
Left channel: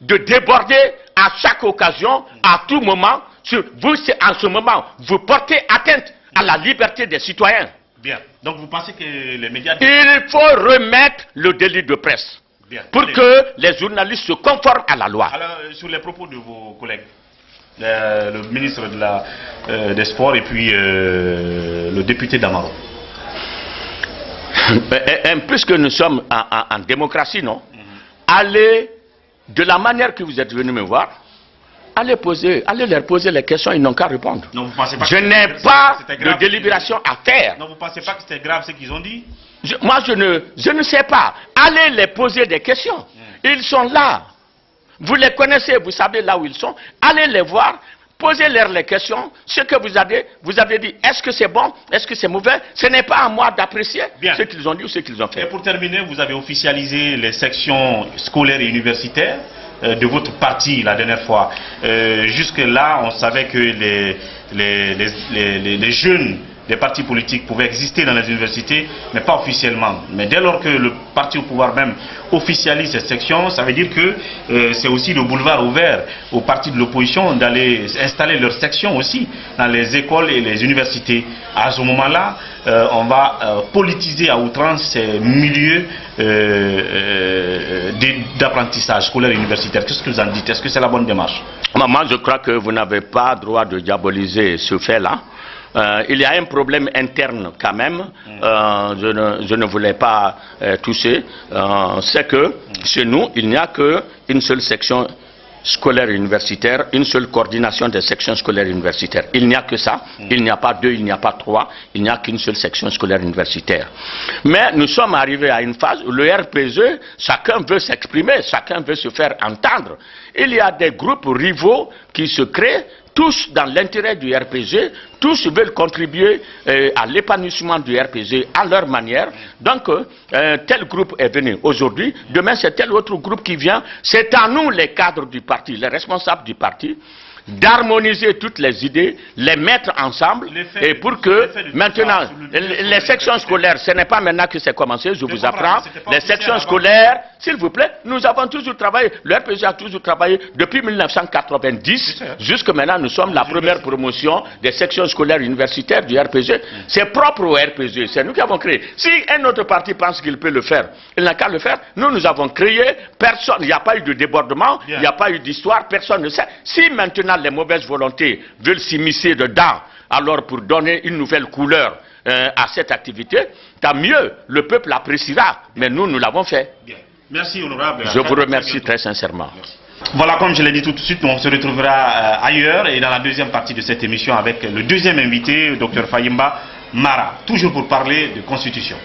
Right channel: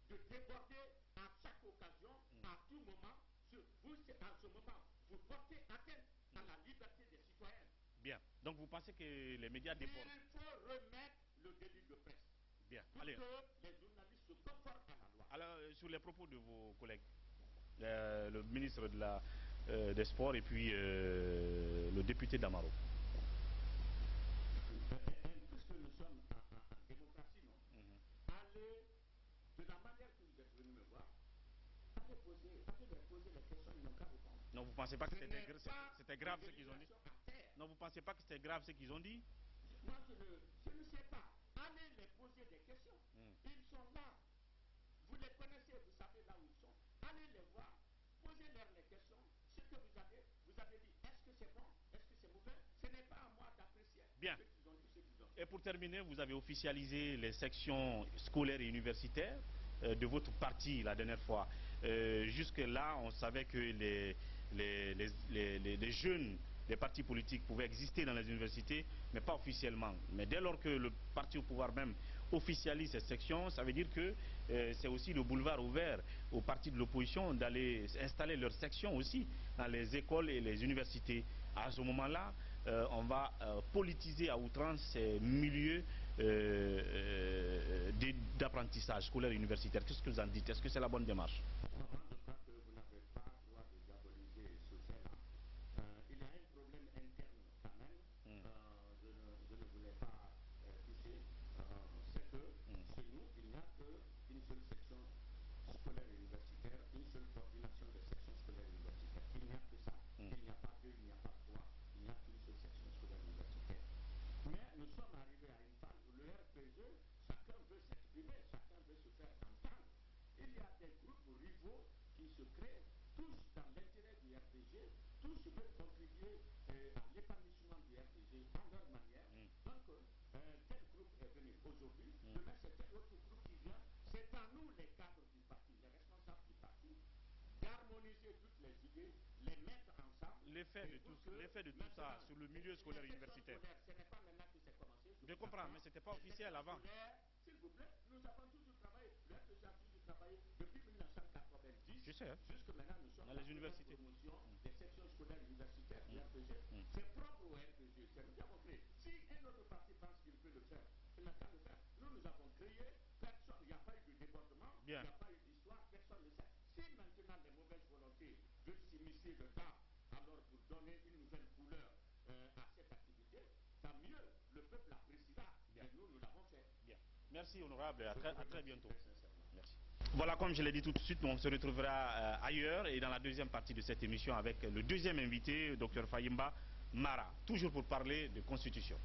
de déborder à chaque occasion, à tout moment. Vous, en ce moment, vous portez atteinte à la liberté des citoyens. Bien. Donc vous pensez que les médias... Il faut remettre le délit de presse. Bien. Pour que les journalistes se conforment à la loi. Alors, sur les propos de vos collègues, le ministre des Sports et puis le député d'Amaro. Puisque nous sommes en démocratie, non? Allez, de la manière que vous êtes venu me voir, allez leur poser les questions, ils n'ont qu'à répondre. Non, vous pensez pas je n'ai pas de délibération à faire. Non, vous ne pensez pas que c'était grave ce qu'ils ont dit? Moi, je ne sais pas. Allez les poser des questions. Ils sont là. Vous les connaissez, vous savez là où ils sont. Allez les voir, posez-leur les questions. Ce que vous avez dit, est-ce que c'est bon, est-ce que c'est mauvais? Ce n'est pas à moi d'apprécier ce qu'ils ont dit ou ce qu'ils ont fait. Et pour terminer, vous avez officialisé les sections scolaires et universitaires de votre parti la dernière fois. Jusque-là, on savait que les jeunes des partis politiques pouvaient exister dans les universités, mais pas officiellement. Mais dès lors que le parti au pouvoir même officialise cette section, ça veut dire que c'est aussi le boulevard ouvert aux partis de l'opposition d'aller installer leur section aussi dans les écoles et les universités. À ce moment-là, on va politiser à outrance ces milieux d'apprentissage scolaire et universitaire. Qu'est-ce que vous en dites? Est-ce que c'est la bonne démarche? Moi, je crois que vous n'avez pas droit de diaboliser ce fait-là. Il y a un problème interne quand même, je ne voulais pas toucher, c'est que chez nous, il n'y a qu'une seule section scolaire universitaire, une seule coordination des sections scolaires universitaires. Il n'y a que ça, il n'y a pas deux, il n'y a pas trois, il n'y a qu'une seule section scolaire universitaire. Mais nous sommes arrivés à une phase où le RPG, chacun veut s'exprimer, chacun veut se faire entendre. Il y a des groupes rivaux qui se créent, tous dans l'intérêt du RPG, tous veulent contribuer à l'épanouissement du RPG à leur manière. Donc, tel groupe est venu aujourd'hui, demain c'est tel autre groupe qui vient. C'est à nous, les cadres du parti, les responsables du parti, d'harmoniser toutes les idées, les mettre ensemble, et pour que maintenant, les sections scolaires, ce n'est pas maintenant que c'est commencé, je vous apprends, les sections scolaires, s'il vous plaît, nous avons toujours travaillé, le RPG a toujours travaillé depuis 1990, jusque maintenant nous sommes la première promotion des sections scolaires universitaires du RPG. C'est propre au RPG, c'est nous qui avons créé. Si un autre parti pense qu'il peut le faire, il n'a qu'à le faire. Nous avons créé, personne, il n'y a pas eu de débordement, il n'y a pas eu d'histoire, personne ne sait. Si maintenant les mauvaises volontés veulent s'immiscer dedans, alors pour donner une nouvelle couleur à cette activité, tant mieux, le peuple appréciera, mais nous l'avons fait. Bien. Merci, honorable. Je vous remercie très sincèrement. Merci. Voilà, comme je l'ai dit tout de suite, on se retrouvera ailleurs et dans la deuxième partie de cette émission avec le deuxième invité, Dr Fayimba Mara, toujours pour parler de Constitution.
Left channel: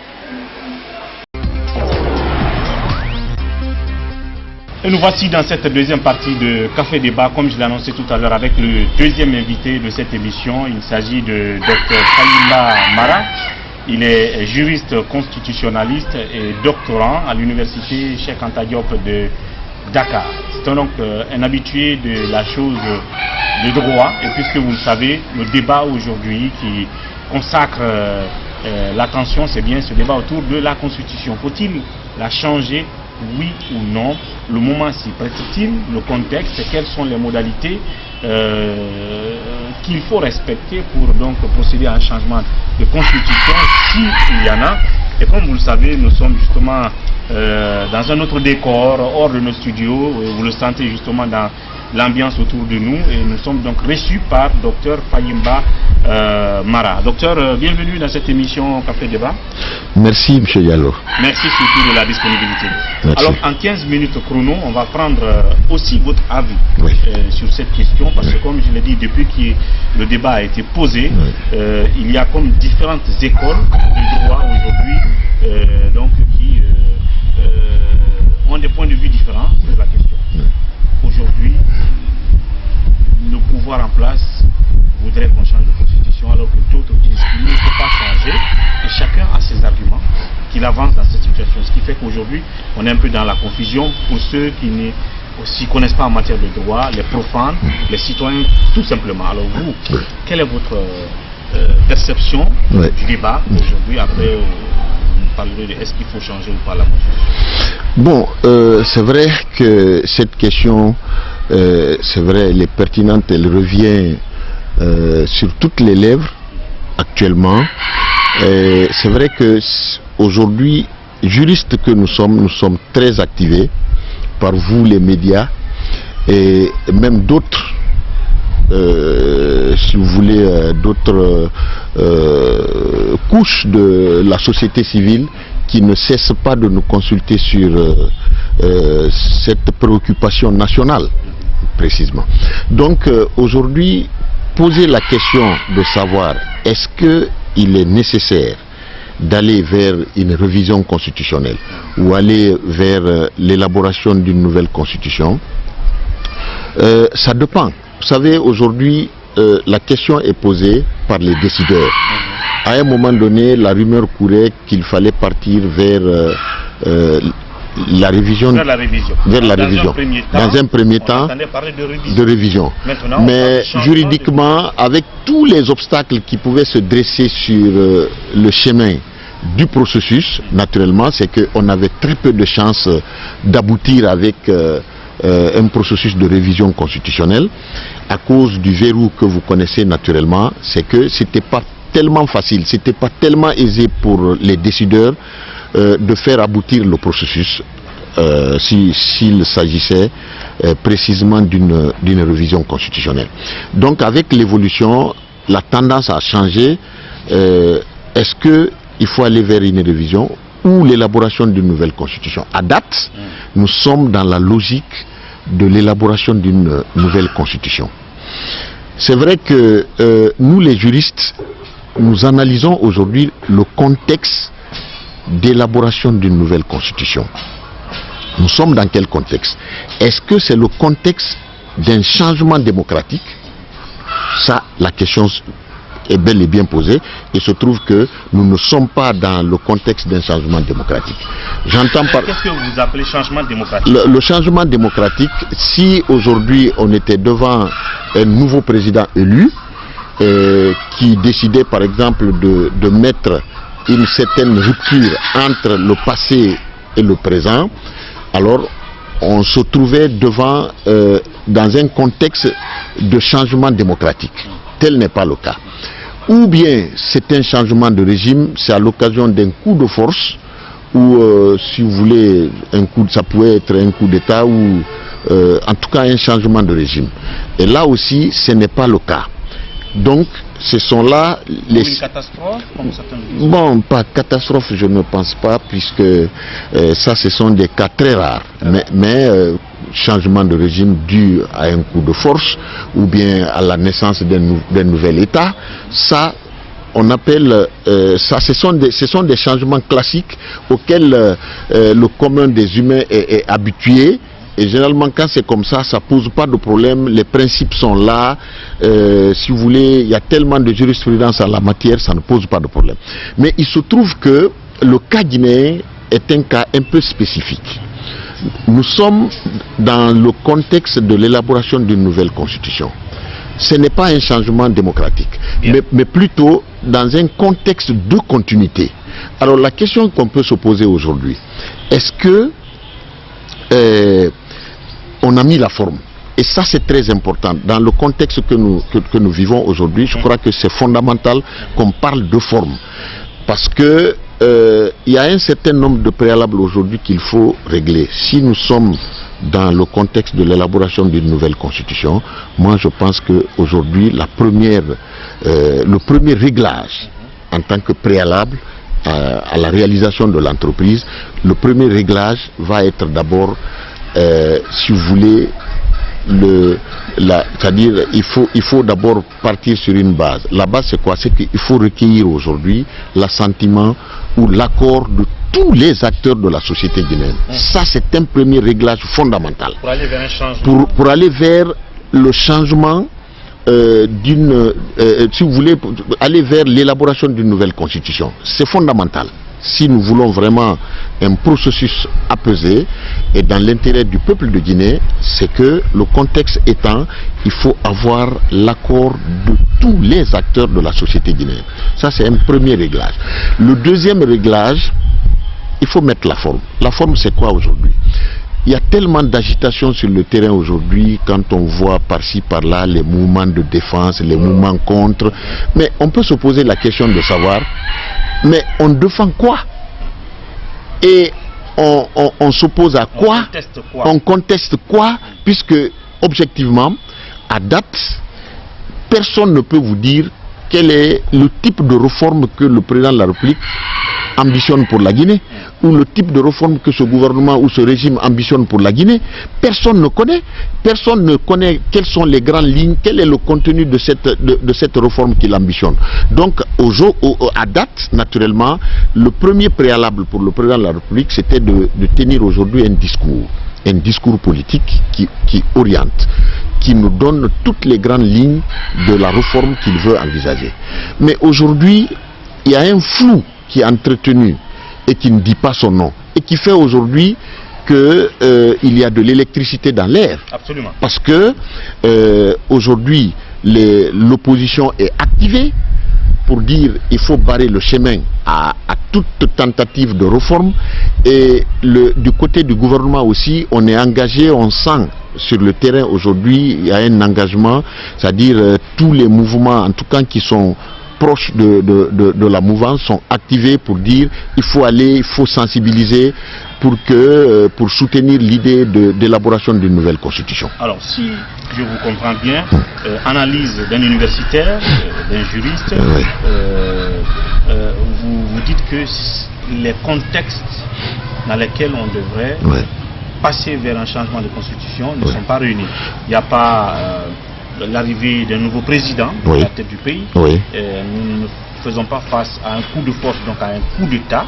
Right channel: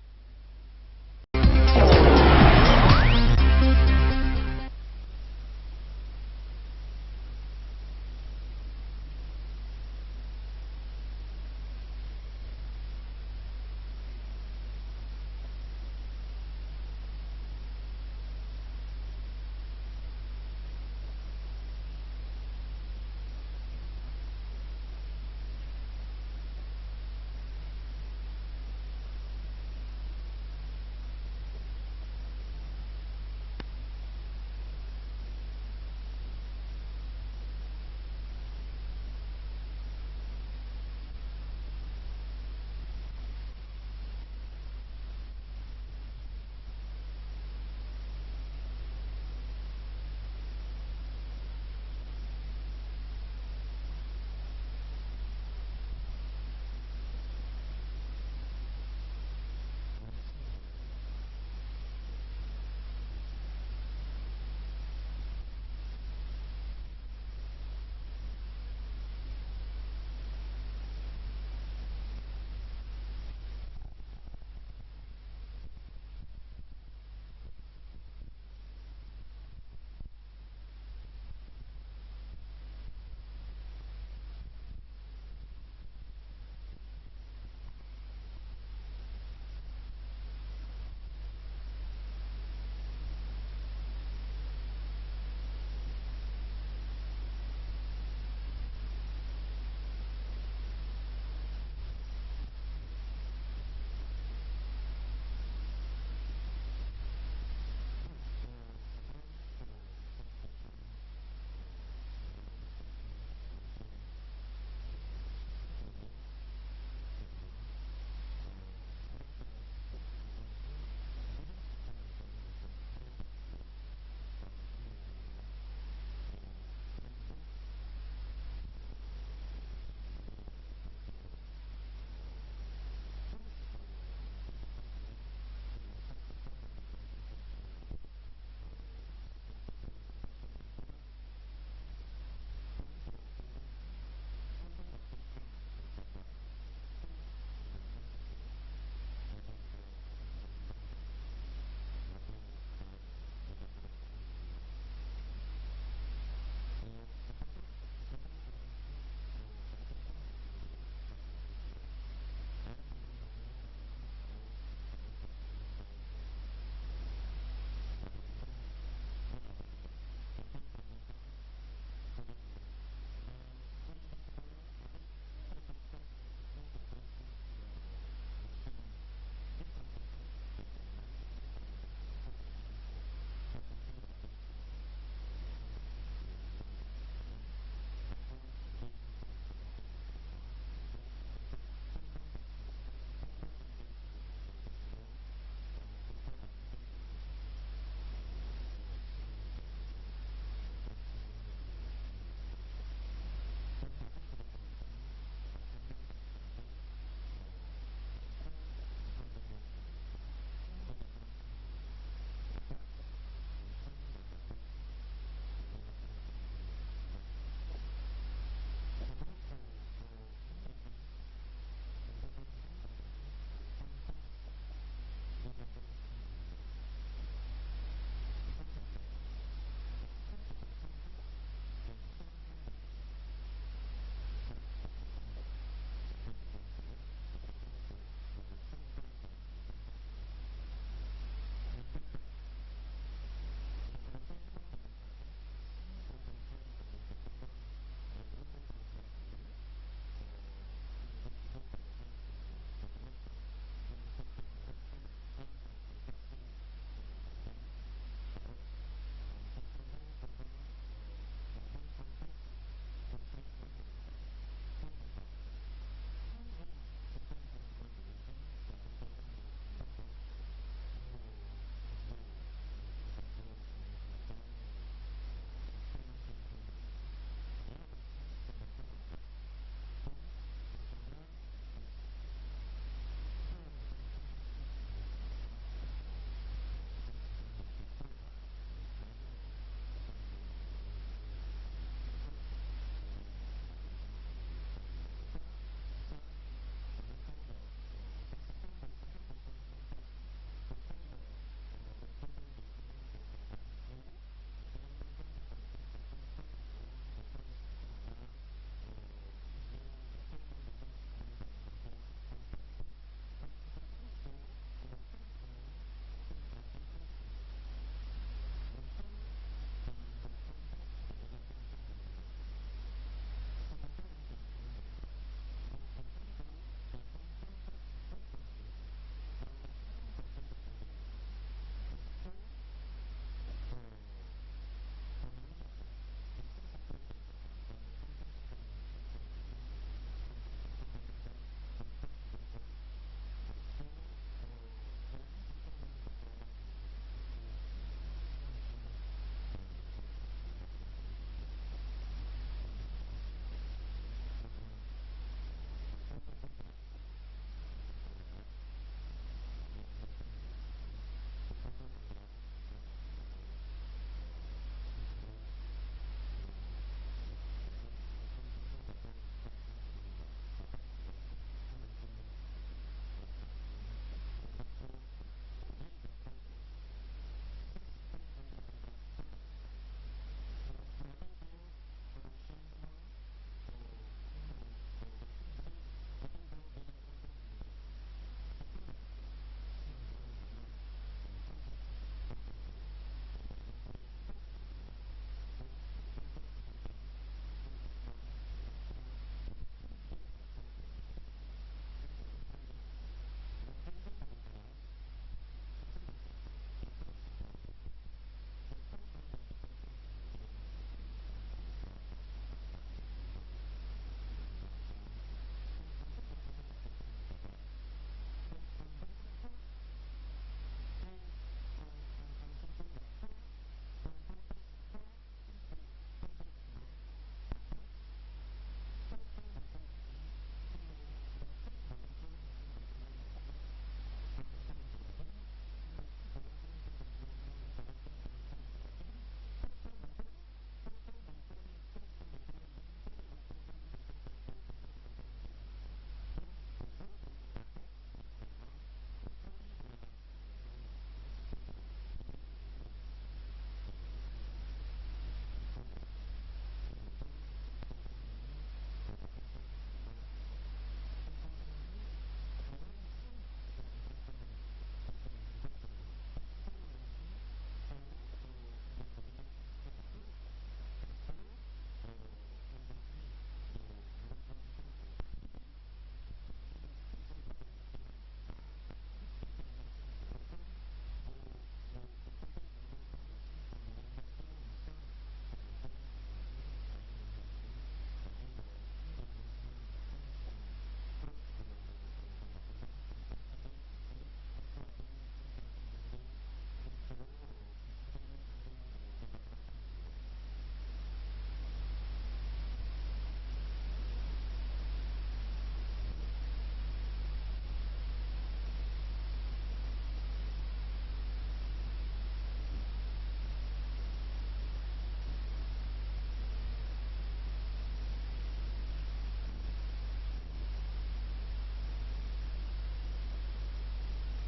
Et nous voici dans cette deuxième partie de Café Débat, comme je l'ai annoncé tout à l'heure, avec le deuxième invité de cette émission. Il s'agit de Dr Fayimba Mara. Il est juriste constitutionnaliste et doctorant à l'université Cheikh Anta Diop de Dakar. C'est donc un habitué de la chose de droit. Et puisque vous le savez, le débat aujourd'hui qui consacre l'attention, c'est bien ce débat autour de la Constitution. Faut-il la changer, oui ou non? Le moment s'y prête-t-il? Le contexte? Quelles sont les modalités qu'il faut respecter pour donc procéder à un changement de constitution, s'il y en a? Et comme vous le savez, nous sommes justement dans un autre décor, hors de nos studios, vous le sentez justement dans l'ambiance autour de nous, et nous sommes donc reçus par Dr Fayimba Mara. Docteur, bienvenue dans cette émission Café Débat. Merci M. Diallo. Merci surtout de la disponibilité. Merci. Alors en 15 minutes chrono, on va prendre aussi votre avis sur cette question, parce que comme je l'ai dit, depuis que le débat a été posé, il y a comme différentes écoles du droit aujourd'hui donc qui ont des points de vue différents sur la question. Aujourd'hui, le pouvoir en place voudrait qu'on change de constitution, alors que d'autres disent qu'il ne faut pas changer, et chacun a ses arguments. l'aggravance dans cette situation. Ce qui fait qu'aujourd'hui, on est un peu dans la confusion pour ceux qui ne s'y connaissent pas en matière de droit, les profanes, les citoyens, tout simplement. Alors vous, quelle est votre perception du débat aujourd'hui après on parlerait de est-ce qu'il faut changer ou pas la Constitution? Bon, c'est vrai que cette question, c'est vrai, elle est pertinente, elle revient sur toutes les lèvres actuellement. C'est vrai que aujourd'hui, juristes que nous sommes très activés par vous les médias et même d'autres, si vous voulez, d'autres couches de la société civile qui ne cessent pas de nous consulter sur cette préoccupation nationale, précisément. Donc aujourd'hui, poser la question de savoir est-ce qu'il est nécessaire d'aller vers une révision constitutionnelle ou aller vers l'élaboration d'une nouvelle constitution, ça dépend. Vous savez, aujourd'hui, la question est posée par les décideurs. À un moment donné, la rumeur courait qu'il fallait partir vers la révision. Vers la révision. Dans un premier temps, de révision. Maintenant, mais juridiquement, avec tous les obstacles qui pouvaient se dresser sur le chemin du processus, naturellement, c'est qu'on avait très peu de chances d'aboutir avec un processus de révision constitutionnelle à cause du verrou que vous connaissez naturellement. C'est que c'était pas tellement facile, c'était pas tellement aisé pour les décideurs de faire aboutir le processus s'il s'agissait précisément d'une révision constitutionnelle. Donc avec l'évolution, la tendance a changé. Est-ce qu'il faut aller vers une révision ou l'élaboration d'une nouvelle constitution? À date, nous sommes dans la logique de l'élaboration d'une nouvelle constitution. C'est vrai que nous les juristes, nous analysons aujourd'hui le contexte d'élaboration d'une nouvelle constitution. Nous sommes dans quel contexte? Est-ce que c'est le contexte d'un changement démocratique? Ça, la question est bel et bien posée. Il se trouve que nous ne sommes pas dans le contexte d'un changement démocratique. J'entends par... Qu'est-ce que vous appelez changement démocratique? Le changement démocratique, si aujourd'hui on était devant un nouveau président élu qui décidait par exemple de mettre une certaine rupture entre le passé et le présent, alors on se trouvait devant dans un contexte de changement démocratique. Tel n'est pas le cas. Ou bien c'est un changement de régime, c'est à l'occasion d'un coup de force, ou si vous voulez, ça pouvait être un coup d'État, ou en tout cas un changement de régime. Et là aussi, ce n'est pas le cas. Donc, ce sont là les... Une catastrophe, comme certains disent. Bon, pas catastrophe, je ne pense pas, puisque ça, ce sont des cas très rares. Mais changement de régime dû à un coup de force, ou bien à la naissance d'un nouvel État, ça, on appelle ça, ce sont des changements classiques auxquels le commun des humains est habitué. Et généralement, quand c'est comme ça, ça ne pose pas de problème, les principes sont là, si vous voulez, il y a tellement de jurisprudence en la matière, ça ne pose pas de problème. Mais il se trouve que le cas guinéen est un cas un peu spécifique. Nous sommes dans le contexte de l'élaboration d'une nouvelle constitution. Ce n'est pas un changement démocratique, mais plutôt dans un contexte de continuité. Alors la question qu'on peut se poser aujourd'hui, est-ce que on a mis la forme? Et ça, c'est très important. Dans le contexte que nous vivons aujourd'hui, je crois que c'est fondamental qu'on parle de forme. Parce que il y a un certain nombre de préalables aujourd'hui qu'il faut régler. Si nous sommes dans le contexte de l'élaboration d'une nouvelle constitution, moi je pense qu'aujourd'hui, le premier réglage en tant que préalable à la réalisation de l'entreprise, le premier réglage va être d'abord, si vous voulez, c'est-à-dire il faut d'abord partir sur une base. La base c'est quoi? C'est qu'il faut recueillir aujourd'hui l'assentiment ou l'accord de tous les acteurs de la société guinéenne. Ça c'est un premier réglage fondamental. Pour aller vers un changement. Pour aller vers le changement si vous voulez, aller vers l'élaboration d'une nouvelle constitution. C'est fondamental. si nous voulons vraiment un processus apaisé et dans l'intérêt du peuple de Guinée, c'est que le contexte étant, il faut avoir l'accord de tous les acteurs de la société guinéenne. Ça, c'est un premier réglage. Le deuxième réglage, il faut mettre la forme. La forme, c'est quoi aujourd'hui? Il y a tellement d'agitation sur le terrain aujourd'hui, quand on voit par-ci, par-là, les mouvements de défense, les mouvements contre. Mais on peut se poser la question de savoir, mais on défend quoi? Et on s'oppose à quoi? On conteste quoi? Puisque, objectivement, à date, personne ne peut vous dire quel est le type de réforme que le président de la République ambitionne pour la Guinée, ou le type de réforme que ce gouvernement ou ce régime ambitionne pour la Guinée. Personne ne connaît. Personne ne connaît quelles sont les grandes lignes, quel est le contenu de cette réforme qu'il ambitionne. Donc, à date, naturellement, le premier préalable pour le président de la République, c'était de tenir aujourd'hui un discours politique qui oriente, qui nous donne toutes les grandes lignes de la réforme qu'il veut envisager. Mais aujourd'hui, il y a un flou qui est entretenu et qui ne dit pas son nom, et qui fait aujourd'hui qu'il y a de l'électricité dans l'air. Absolument. Parce que aujourd'hui, l'opposition est activée pour dire qu'il faut barrer le chemin à toute tentative de réforme, et du côté du gouvernement aussi, on est engagé, on sent sur le terrain aujourd'hui, il y a un engagement, c'est-à-dire tous les mouvements, en tout cas qui sont proches de la mouvance, sont activés pour dire il faut aller, il faut sensibiliser pour soutenir l'idée d'élaboration d'une nouvelle constitution. Alors, si je vous comprends bien, analyse d'un universitaire, d'un juriste, vous dites que les contextes dans lesquels on devrait passer vers un changement de constitution ne sont pas réunis. Il n'y a pas l'arrivée d'un nouveau président à la tête du pays. Nous ne faisons pas face à un coup de force, donc à un coup d'État,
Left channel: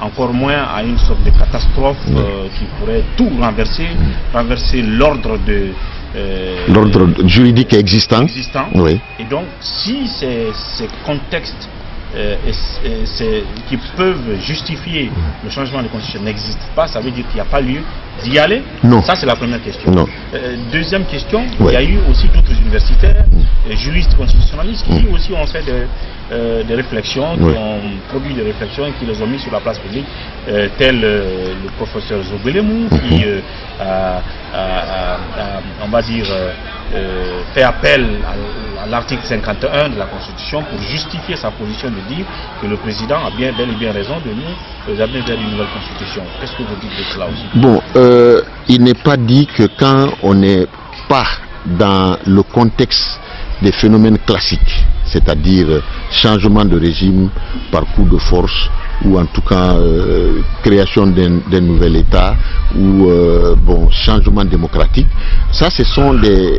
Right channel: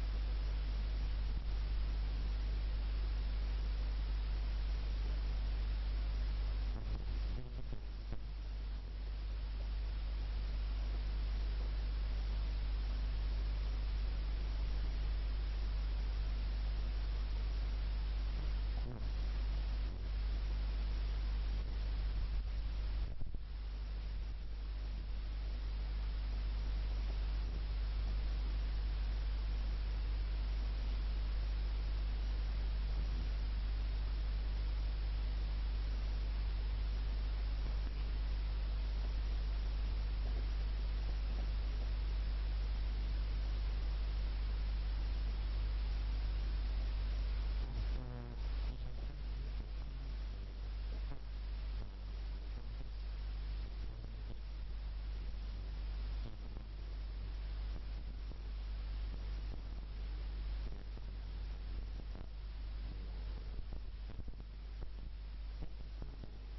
encore moins à une sorte de catastrophe qui pourrait tout renverser, renverser l'ordre juridique existant. Et donc, si ces contextes qui peuvent justifier le changement de constitution n'existent pas, ça veut dire qu'il n'y a pas lieu d'y aller? Non. Ça, c'est la première question. Non. Deuxième question, il y a eu aussi d'autres universitaires, juristes constitutionnalistes, qui aussi ont fait des réflexions, qui ont produit des réflexions et qui les ont mis sur la place publique, tel le professeur Zobelemou, qui, on va dire, fait appel à l'article 51 de la Constitution pour justifier sa position de dire que le président a bel et bien raison de nous amener vers une nouvelle Constitution. Qu'est-ce que vous dites de cela aussi? Bon, il n'est pas dit que quand on n'est pas dans le contexte des phénomènes classiques, c'est-à-dire changement de régime par coup de force, ou en tout cas création d'un nouvel État, ou changement démocratique. Ça, ce sont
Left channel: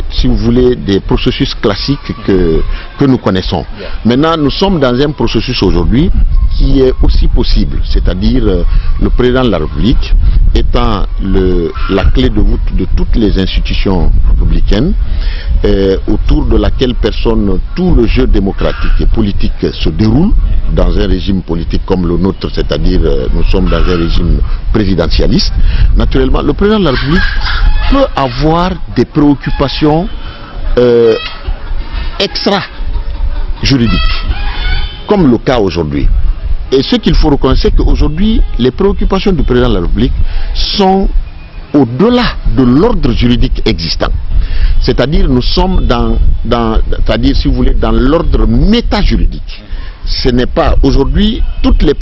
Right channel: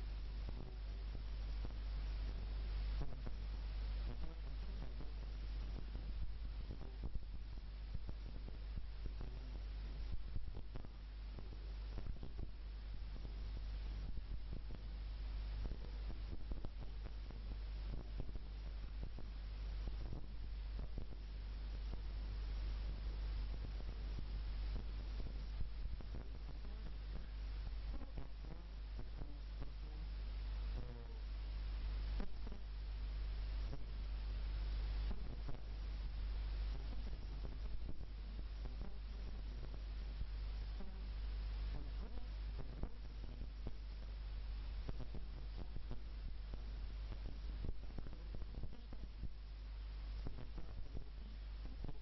si vous voulez, des processus classiques que nous connaissons. Maintenant, nous sommes dans un processus aujourd'hui qui est aussi possible, c'est-à-dire le président de la République étant la clé de voûte de toutes les institutions républicaines, autour de laquelle tout le jeu démocratique et politique se déroule dans un régime politique comme le nôtre, c'est-à-dire nous sommes dans un régime présidentialiste. Naturellement, le président de la République peut avoir des préoccupations extra-juridiques, comme le cas aujourd'hui. Et ce qu'il faut reconnaître, c'est qu'aujourd'hui, les préoccupations du président de la République sont au-delà de l'ordre juridique existant. C'est-à-dire, nous sommes c'est-à-dire, si vous voulez, dans l'ordre méta-juridique. Ce n'est pas aujourd'hui toutes les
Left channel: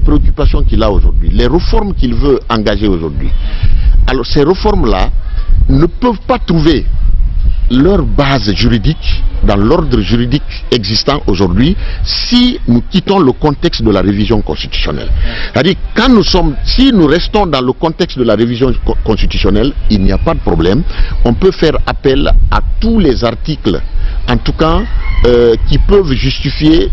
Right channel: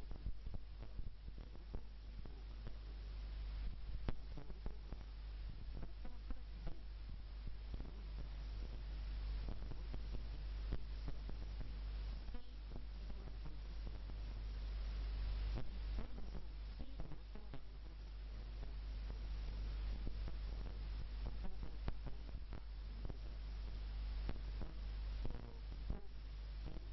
préoccupations qu'il a aujourd'hui, les réformes qu'il veut engager aujourd'hui. Alors ces réformes-là ne peuvent pas trouver leur base juridique dans l'ordre juridique existant aujourd'hui si nous quittons le contexte de la révision constitutionnelle. C'est-à-dire, si nous restons dans le contexte de la révision constitutionnelle, il n'y a pas de problème. On peut faire appel à tous les articles, en tout cas qui peuvent justifier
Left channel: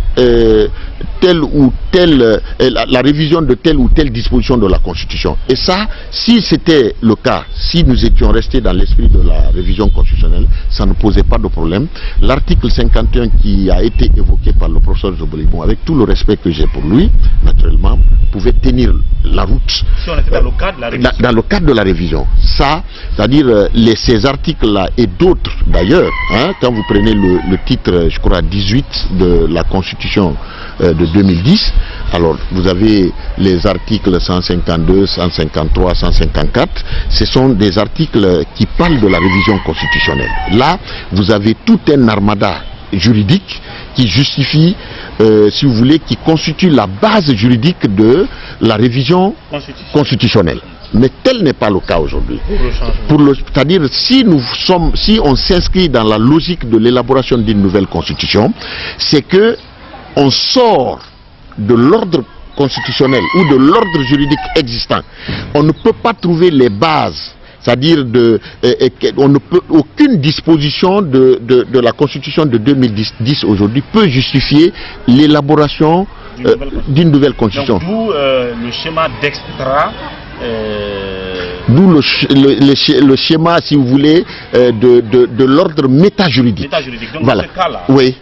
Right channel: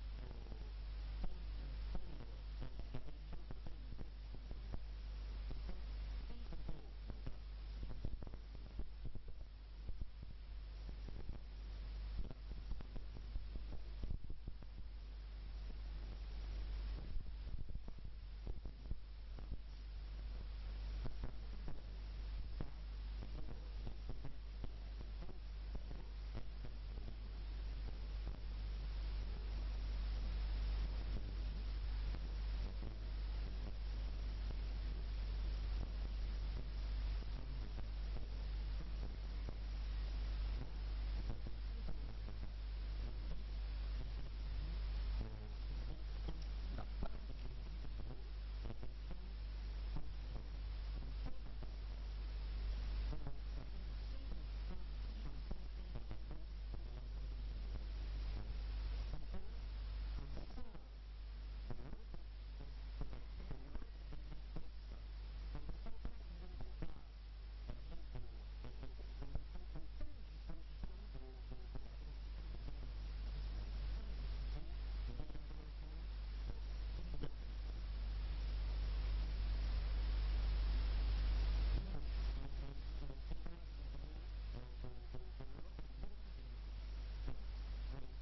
telle ou telle, la révision de telle ou telle disposition de la Constitution. Et ça, si c'était le cas, si nous étions restés dans l'esprit de la révision constitutionnelle, ça ne posait pas de problème. L'article 51 qui a été évoqué par le professeur Zobolibon, avec tout le respect que j'ai pour lui, naturellement, pouvait tenir la route. Si on était dans le cadre de la révision. Dans le cadre de la révision. Ça, c'est-à-dire ces articles-là et d'autres d'ailleurs, hein, quand vous prenez le titre, je crois, 18 de la Constitution de 2010, alors vous avez les articles 152, 153, 154, ce sont des articles qui parlent de la révision constitutionnelle. Là, vous avez tout un armada juridique qui justifie, si vous voulez, qui constitue la base juridique de la révision constitutionnelle. Mais tel n'est pas le cas aujourd'hui. C'est-à-dire, si on s'inscrit dans la logique de l'élaboration d'une nouvelle constitution, c'est que on sort de l'ordre constitutionnel ou de l'ordre juridique existant. On ne peut pas trouver les bases, c'est-à-dire aucune disposition de la Constitution de 2010 aujourd'hui peut justifier l'élaboration d'une nouvelle Constitution. D'où le schéma d'extra. D'où le schéma, si vous voulez, de l'ordre métajuridique. Donc voilà. Dans ce cas-là, oui.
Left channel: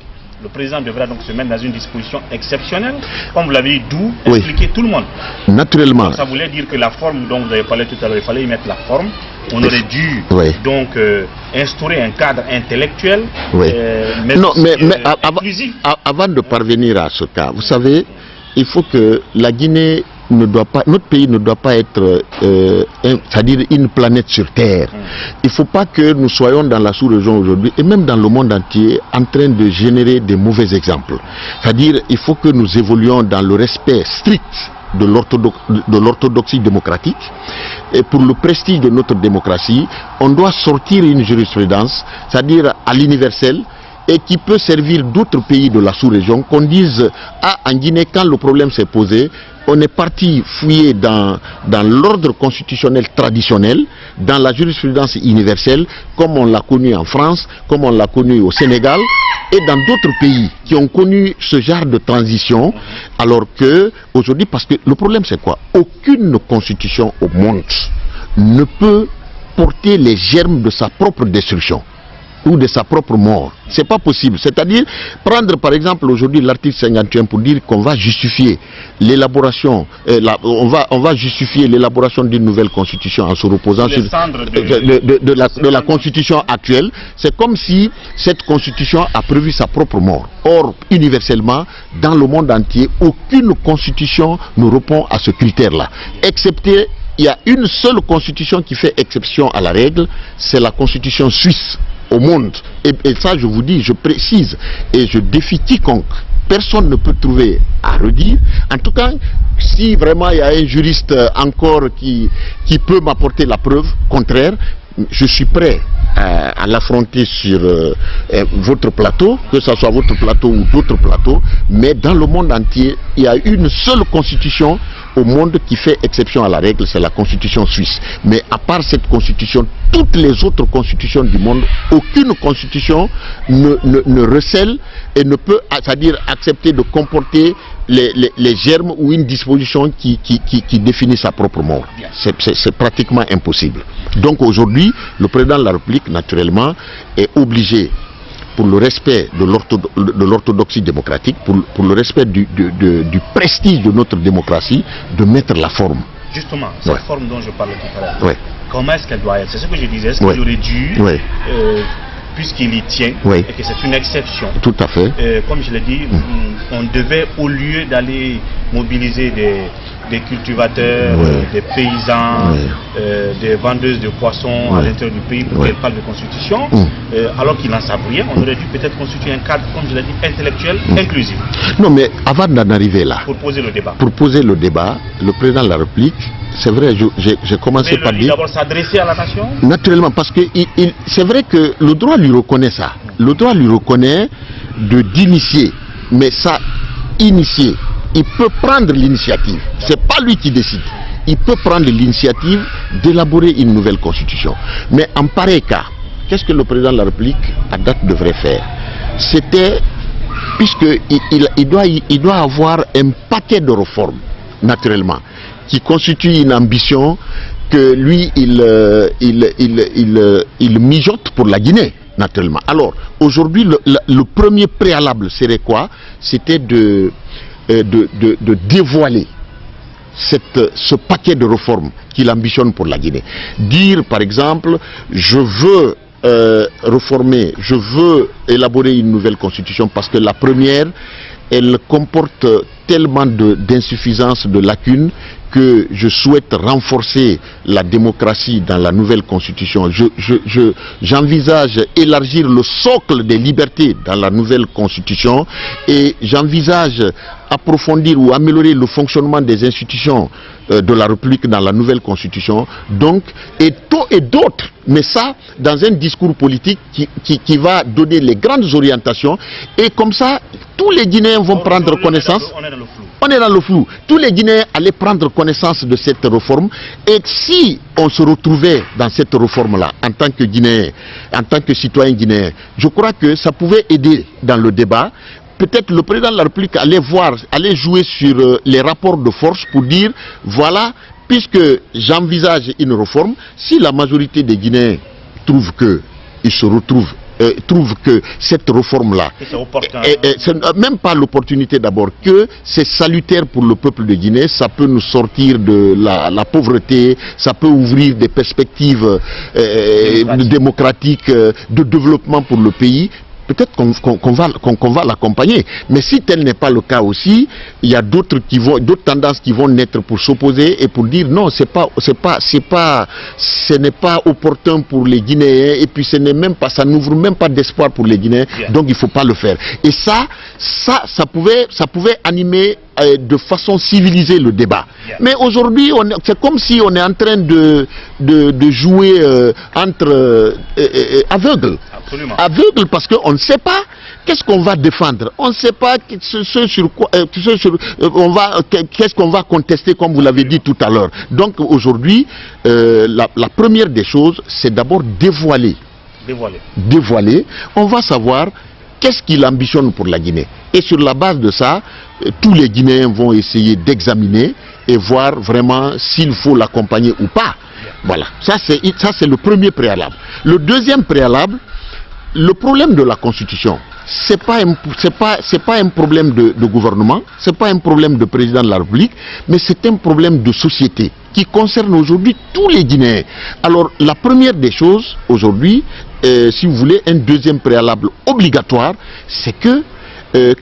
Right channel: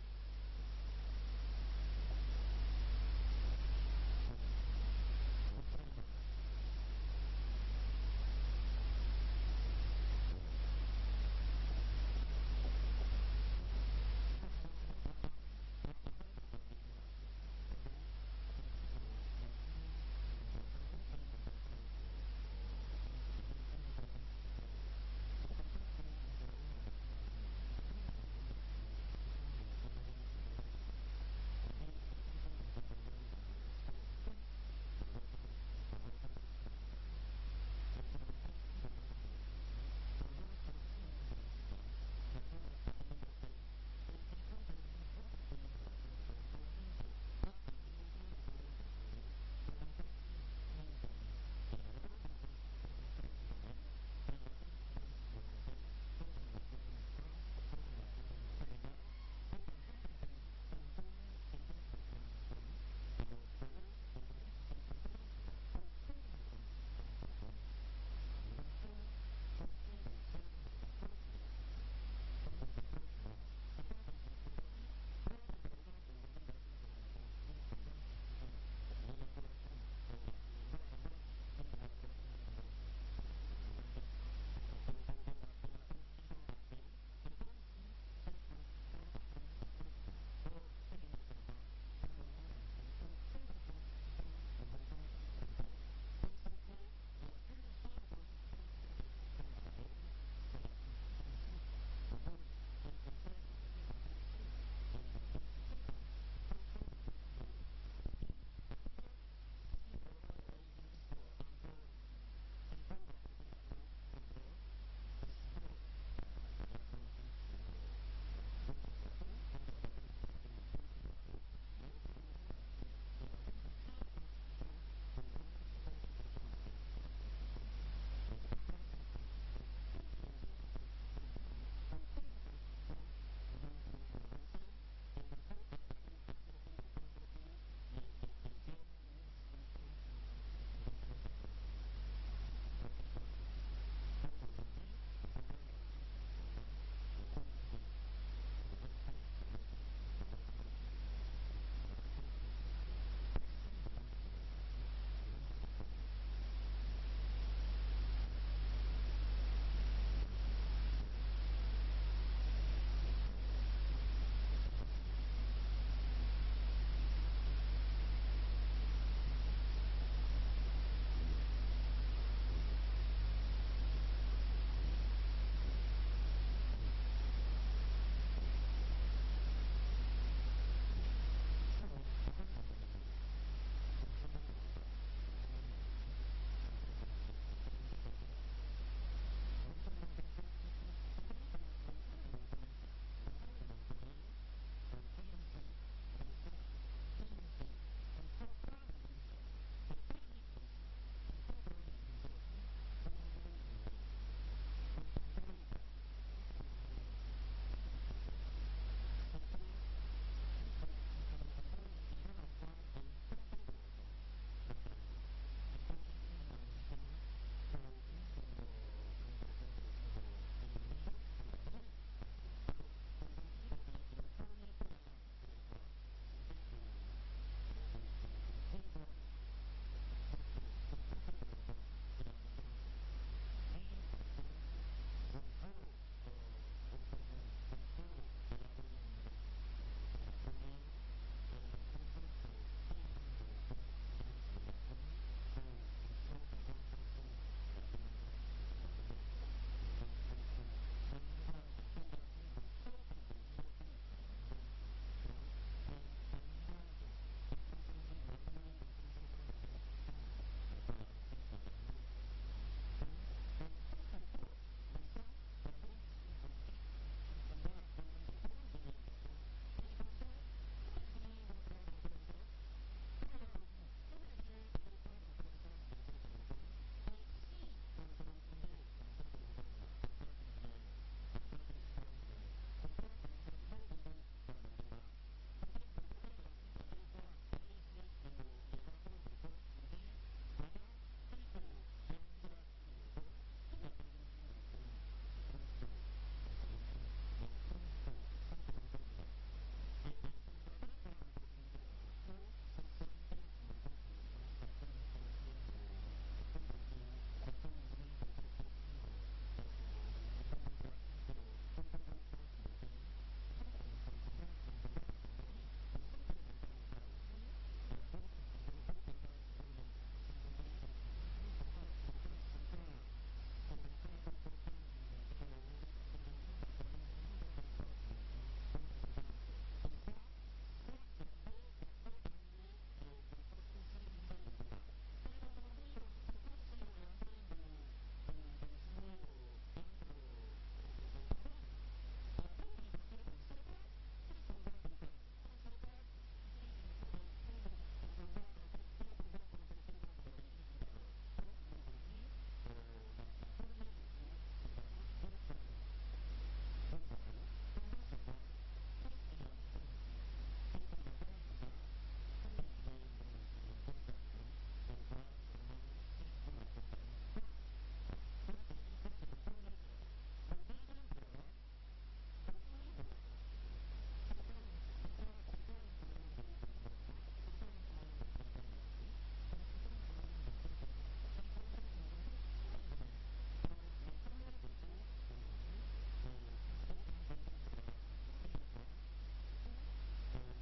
Le président devra donc se mettre dans une disposition exceptionnelle, comme vous l'avez dit, d'où expliquer tout le monde. Naturellement. Donc ça voulait dire que la forme dont vous avez parlé tout à l'heure, il fallait y mettre la forme. On aurait dû donc instaurer un cadre intellectuel, mais inclusif. Avant de parvenir à ce cas, vous savez, il faut que la Guinée notre pays ne doit pas être, c'est-à-dire une planète sur Terre. Il ne faut pas que nous soyons dans la sous-région aujourd'hui, et même dans le monde entier, en train de générer des mauvais exemples. C'est-à-dire, il faut que nous évoluions dans le respect strict de l'orthodoxie démocratique. Et pour le prestige de notre démocratie, on doit sortir une jurisprudence, c'est-à-dire à l'universel, et qui peut servir d'autres pays de la sous-région, qu'on dise, en Guinée, quand le problème s'est posé, on est parti fouiller dans l'ordre constitutionnel traditionnel, dans la jurisprudence universelle, comme on l'a connu en France, comme on l'a connu au Sénégal, et dans d'autres pays qui ont connu ce genre de transition, alors que, aujourd'hui, parce que le problème c'est quoi? Aucune constitution au monde ne peut porter les germes de sa propre destruction ou de sa propre mort. C'est pas possible. C'est-à-dire, prendre par exemple aujourd'hui l'article 51 pour dire qu'on va justifier l'élaboration, on va justifier l'élaboration d'une nouvelle constitution en se reposant sur de la constitution actuelle. C'est comme si cette constitution a prévu sa propre mort. Or, universellement, dans le monde entier, aucune constitution ne répond à ce critère-là. Excepté, il y a une seule constitution qui fait exception à la règle, c'est la constitution suisse au monde. Et ça, je vous dis, je précise, et je défie quiconque. Personne ne peut trouver à redire. En tout cas, si vraiment il y a un juriste encore qui peut m'apporter la preuve contraire, je suis prêt à l'affronter sur votre plateau, que ce soit votre plateau ou d'autres plateaux, mais dans le monde entier, il y a une seule constitution au monde qui fait exception à la règle, c'est la constitution suisse. Mais à part cette constitution, toutes les autres constitutions du monde, aucune constitution ne recèle et ne peut, c'est-à-dire accepter de comporter les germes ou une disposition qui définit sa propre mort. C'est pratiquement impossible. Donc aujourd'hui, le président de la République, naturellement, est obligé, pour le respect de l'orthodoxie démocratique, pour le respect du prestige de notre démocratie, de mettre la forme. Justement, cette forme dont je parlais tout à l'heure, comment est-ce qu'elle doit être? C'est ce que je disais, est-ce qu'il aurait dû, puisqu'il y tient, et que c'est une exception. Tout à fait. Comme je l'ai dit, on devait, au lieu d'aller mobiliser des cultivateurs, des paysans, des vendeuses de poissons à l'intérieur du pays pour qu'elles parlent de constitution, alors qu'ils n'en savent rien, on aurait dû peut-être constituer un cadre, comme je l'ai dit, intellectuel, inclusif. Non, mais avant d'en arriver là, pour poser le débat. Pour poser le débat, le président de la République, c'est vrai, j'ai commencé par dire... d'abord s'adresser à la nation? Naturellement, parce que c'est vrai que le droit lui reconnaît ça. Le droit lui reconnaît d'initier, mais ça, initier, il peut prendre l'initiative. C'est pas lui qui décide. Il peut prendre l'initiative d'élaborer une nouvelle constitution. Mais en pareil cas, qu'est-ce que le président de la République, à date, devrait faire? C'était puisqu'il doit avoir un paquet de réformes, naturellement, qui constituent une ambition que lui, il mijote pour la Guinée, naturellement. Alors, aujourd'hui, le premier préalable serait quoi? C'était de dévoiler ce paquet de réformes qu'il ambitionne pour la Guinée. Dire, par exemple, je veux réformer, je veux élaborer une nouvelle constitution parce que la première, elle comporte tellement d'insuffisances, de lacunes, que je souhaite renforcer la démocratie dans la nouvelle constitution. J'envisage élargir le socle des libertés dans la nouvelle constitution et j'envisage approfondir ou améliorer le fonctionnement des institutions de la République dans la nouvelle constitution, donc, et d'autres, mais ça dans un discours politique qui va donner les grandes orientations, et comme ça tous les Guinéens vont prendre connaissance. On est dans le flou. Tous les Guinéens allaient prendre connaissance de cette réforme, et si on se retrouvait dans cette réforme-là en tant que Guinéen, en tant que citoyen guinéen, je crois que ça pouvait aider dans le débat. Peut-être le président de la République allait jouer sur les rapports de force pour dire, voilà, puisque j'envisage une réforme, si la majorité des Guinéens trouve que cette réforme-là, c'est même pas l'opportunité d'abord, que c'est salutaire pour le peuple de Guinée, ça peut nous sortir de la pauvreté, ça peut ouvrir des perspectives démocratiques, de développement pour le pays. Peut-être qu'on va l'accompagner. Mais si tel n'est pas le cas aussi, il y a d'autres tendances qui vont naître pour s'opposer et pour dire non, ce n'est pas opportun pour les Guinéens, et puis ça n'ouvre même pas d'espoir pour les Guinéens, donc il ne faut pas le faire. Et ça pouvait animer de façon civilisée le débat. Mais aujourd'hui, c'est comme si on est en train de jouer entre aveugles. Absolument. Aveugle, parce qu'on ne sait pas qu'est-ce qu'on va défendre, on ne sait pas qu'est-ce qu'on va contester, comme vous l'avez dit tout à l'heure. Donc aujourd'hui, la première des choses, c'est d'abord dévoiler. On va savoir qu'est-ce qu'il ambitionne pour la Guinée. Et sur la base de ça, tous les Guinéens vont essayer d'examiner et voir vraiment s'il faut l'accompagner ou pas. Voilà, ça c'est le premier préalable. Le deuxième préalable, le problème de la Constitution, c'est pas un problème de gouvernement, c'est pas un problème de président de la République, mais c'est un problème de société qui concerne aujourd'hui tous les Guinéens. Alors la première des choses aujourd'hui, si vous voulez, un deuxième préalable obligatoire, c'est que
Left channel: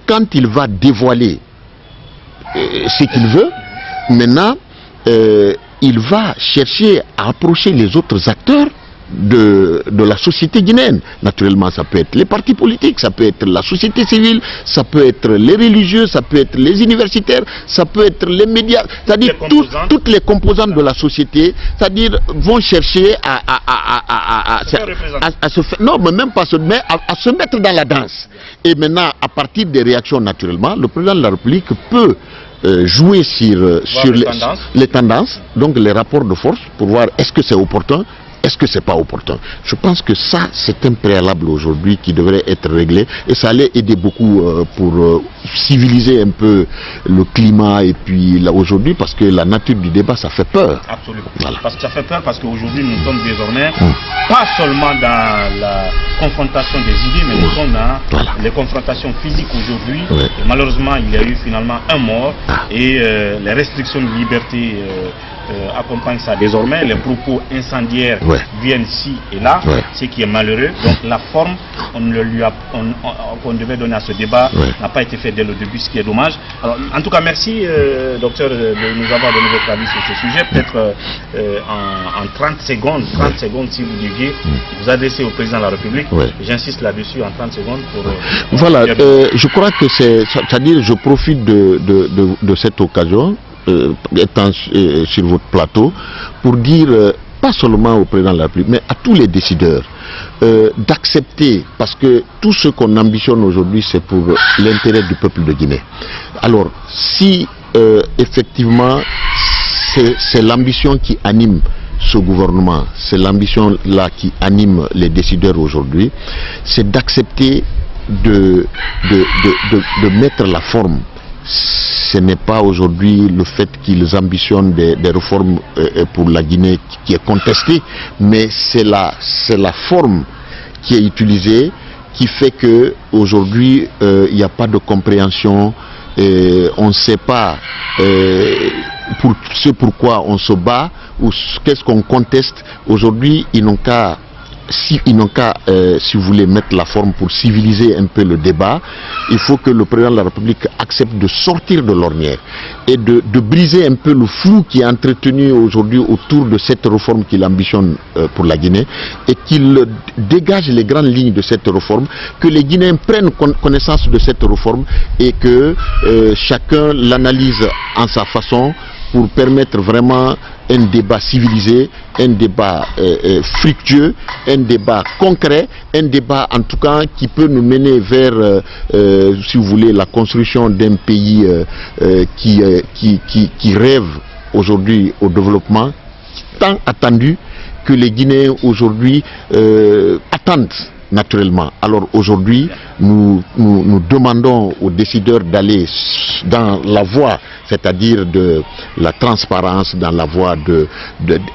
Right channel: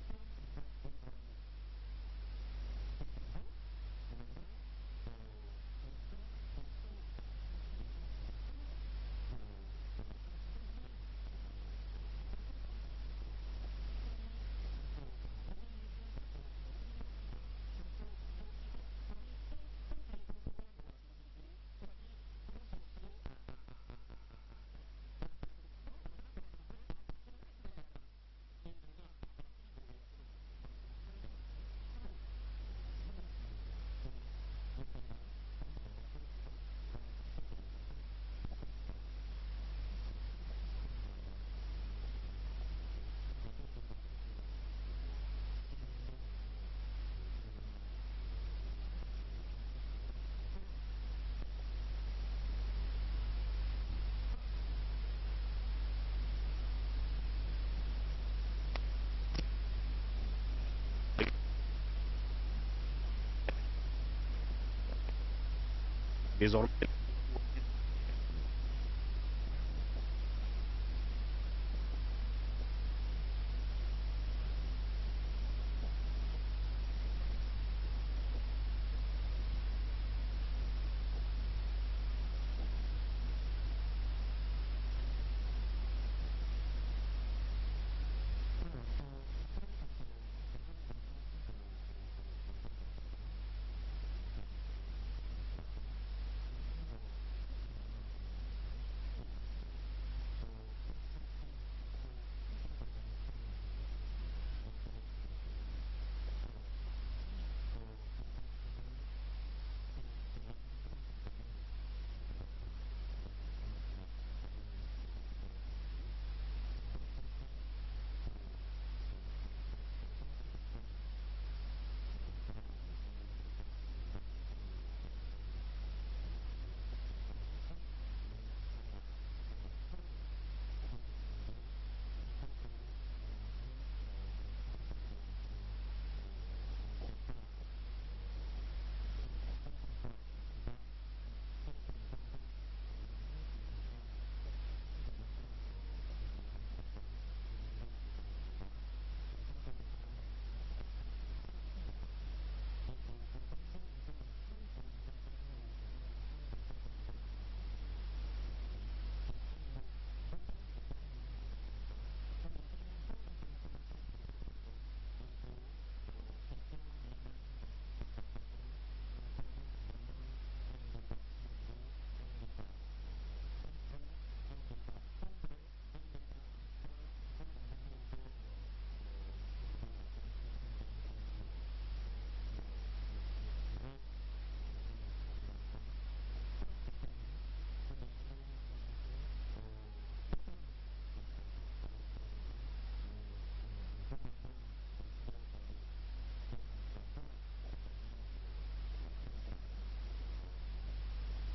quand il va dévoiler ce qu'il veut, maintenant il va chercher à approcher les autres acteurs de la société guinéenne. Naturellement, ça peut être les partis politiques, ça peut être la société civile, ça peut être les religieux, ça peut être les universitaires, ça peut être les médias, c'est-à-dire toutes les composantes de la société, c'est-à-dire vont chercher à se faire, non, mais même pas mais à se mettre dans la danse. Et maintenant, à partir des réactions, naturellement, le président de la République peut jouer sur les tendances, donc les rapports de force, pour voir est-ce que c'est opportun, est-ce que c'est pas opportun. Je pense que ça, c'est un préalable aujourd'hui qui devrait être réglé, et ça allait aider beaucoup pour civiliser un peu le climat, et puis là aujourd'hui, parce que la nature du débat, ça fait peur. Absolument. Voilà. Parce que ça fait peur, parce qu'aujourd'hui nous sommes désormais pas seulement dans la confrontation des idées, mais nous sommes dans les confrontations physiques aujourd'hui. Et malheureusement, il y a eu finalement un mort, et les restrictions de liberté accompagnent ça désormais. Les propos incendiaires viennent ici et là, ce qui est malheureux. Donc la forme qu'on devait donner à ce débat n'a pas été faite dès le début, ce qui est dommage. Alors, en tout cas, merci docteur de nous avoir donné votre avis sur ce sujet. Peut-être en 30 secondes, si vous deviez vous adresser au président de la République. J'insiste là-dessus en 30 secondes pour... voilà, je crois que c'est-à-dire je profite de cette occasion, étant sur votre plateau, pour dire, pas seulement au président de la République, mais à tous les décideurs, d'accepter, parce que tout ce qu'on ambitionne aujourd'hui, c'est pour l'intérêt du peuple de Guinée. Alors, si effectivement, c'est l'ambition qui anime ce gouvernement, c'est l'ambition là qui anime les décideurs aujourd'hui, c'est d'accepter de mettre la forme. Ce n'est pas aujourd'hui le fait qu'ils ambitionnent des réformes pour la Guinée qui est contestée, mais c'est la forme qui est utilisée qui fait que aujourd'hui il n'y a pas de compréhension, on ne sait pas pourquoi on se bat ou qu'est-ce qu'on conteste. Aujourd'hui ils n'ont qu'à si vous voulez, mettre la forme pour civiliser un peu le débat. Il faut que le président de la République accepte de sortir de l'ornière et de briser un peu le flou qui est entretenu aujourd'hui autour de cette réforme qu'il ambitionne pour la Guinée, et qu'il dégage les grandes lignes de cette réforme, que les Guinéens prennent connaissance de cette réforme et que chacun l'analyse en sa façon pour permettre vraiment un débat civilisé, un débat fructueux, un débat concret, un débat en tout cas qui peut nous mener vers, si vous voulez, la construction d'un pays qui rêve aujourd'hui au développement, tant attendu, que les Guinéens aujourd'hui attendent naturellement. Alors aujourd'hui, nous demandons aux décideurs d'aller dans la voie, c'est-à-dire de la transparence, dans la voie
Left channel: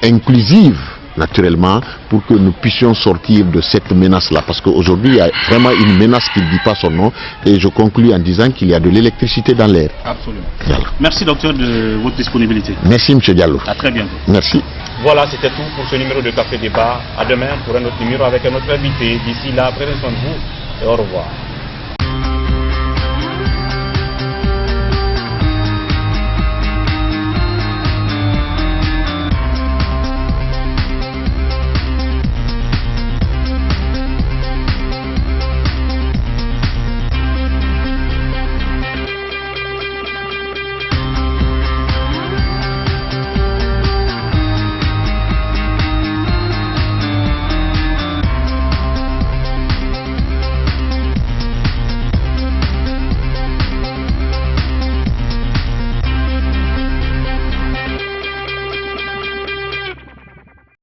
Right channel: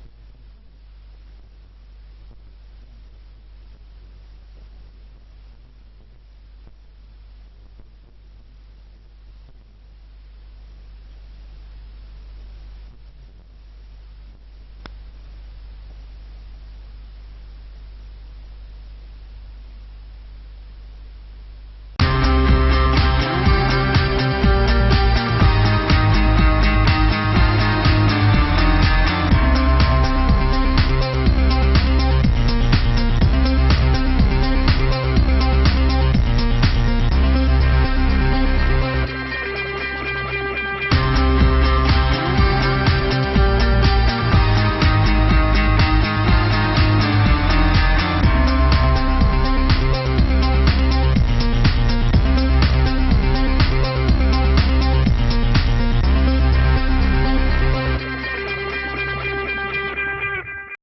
inclusive, naturellement, pour que nous puissions sortir de cette menace-là. Parce qu'aujourd'hui, il y a vraiment une menace qui ne dit pas son nom. Et je conclus en disant qu'il y a de l'électricité dans l'air. Absolument. Voilà. Merci, docteur, de votre disponibilité. Merci, M. Diallo. À très bientôt. Merci. Voilà, c'était tout pour ce numéro de Café Débat. À demain pour un autre numéro avec un autre invité. D'ici là, prenez soin de vous et au revoir.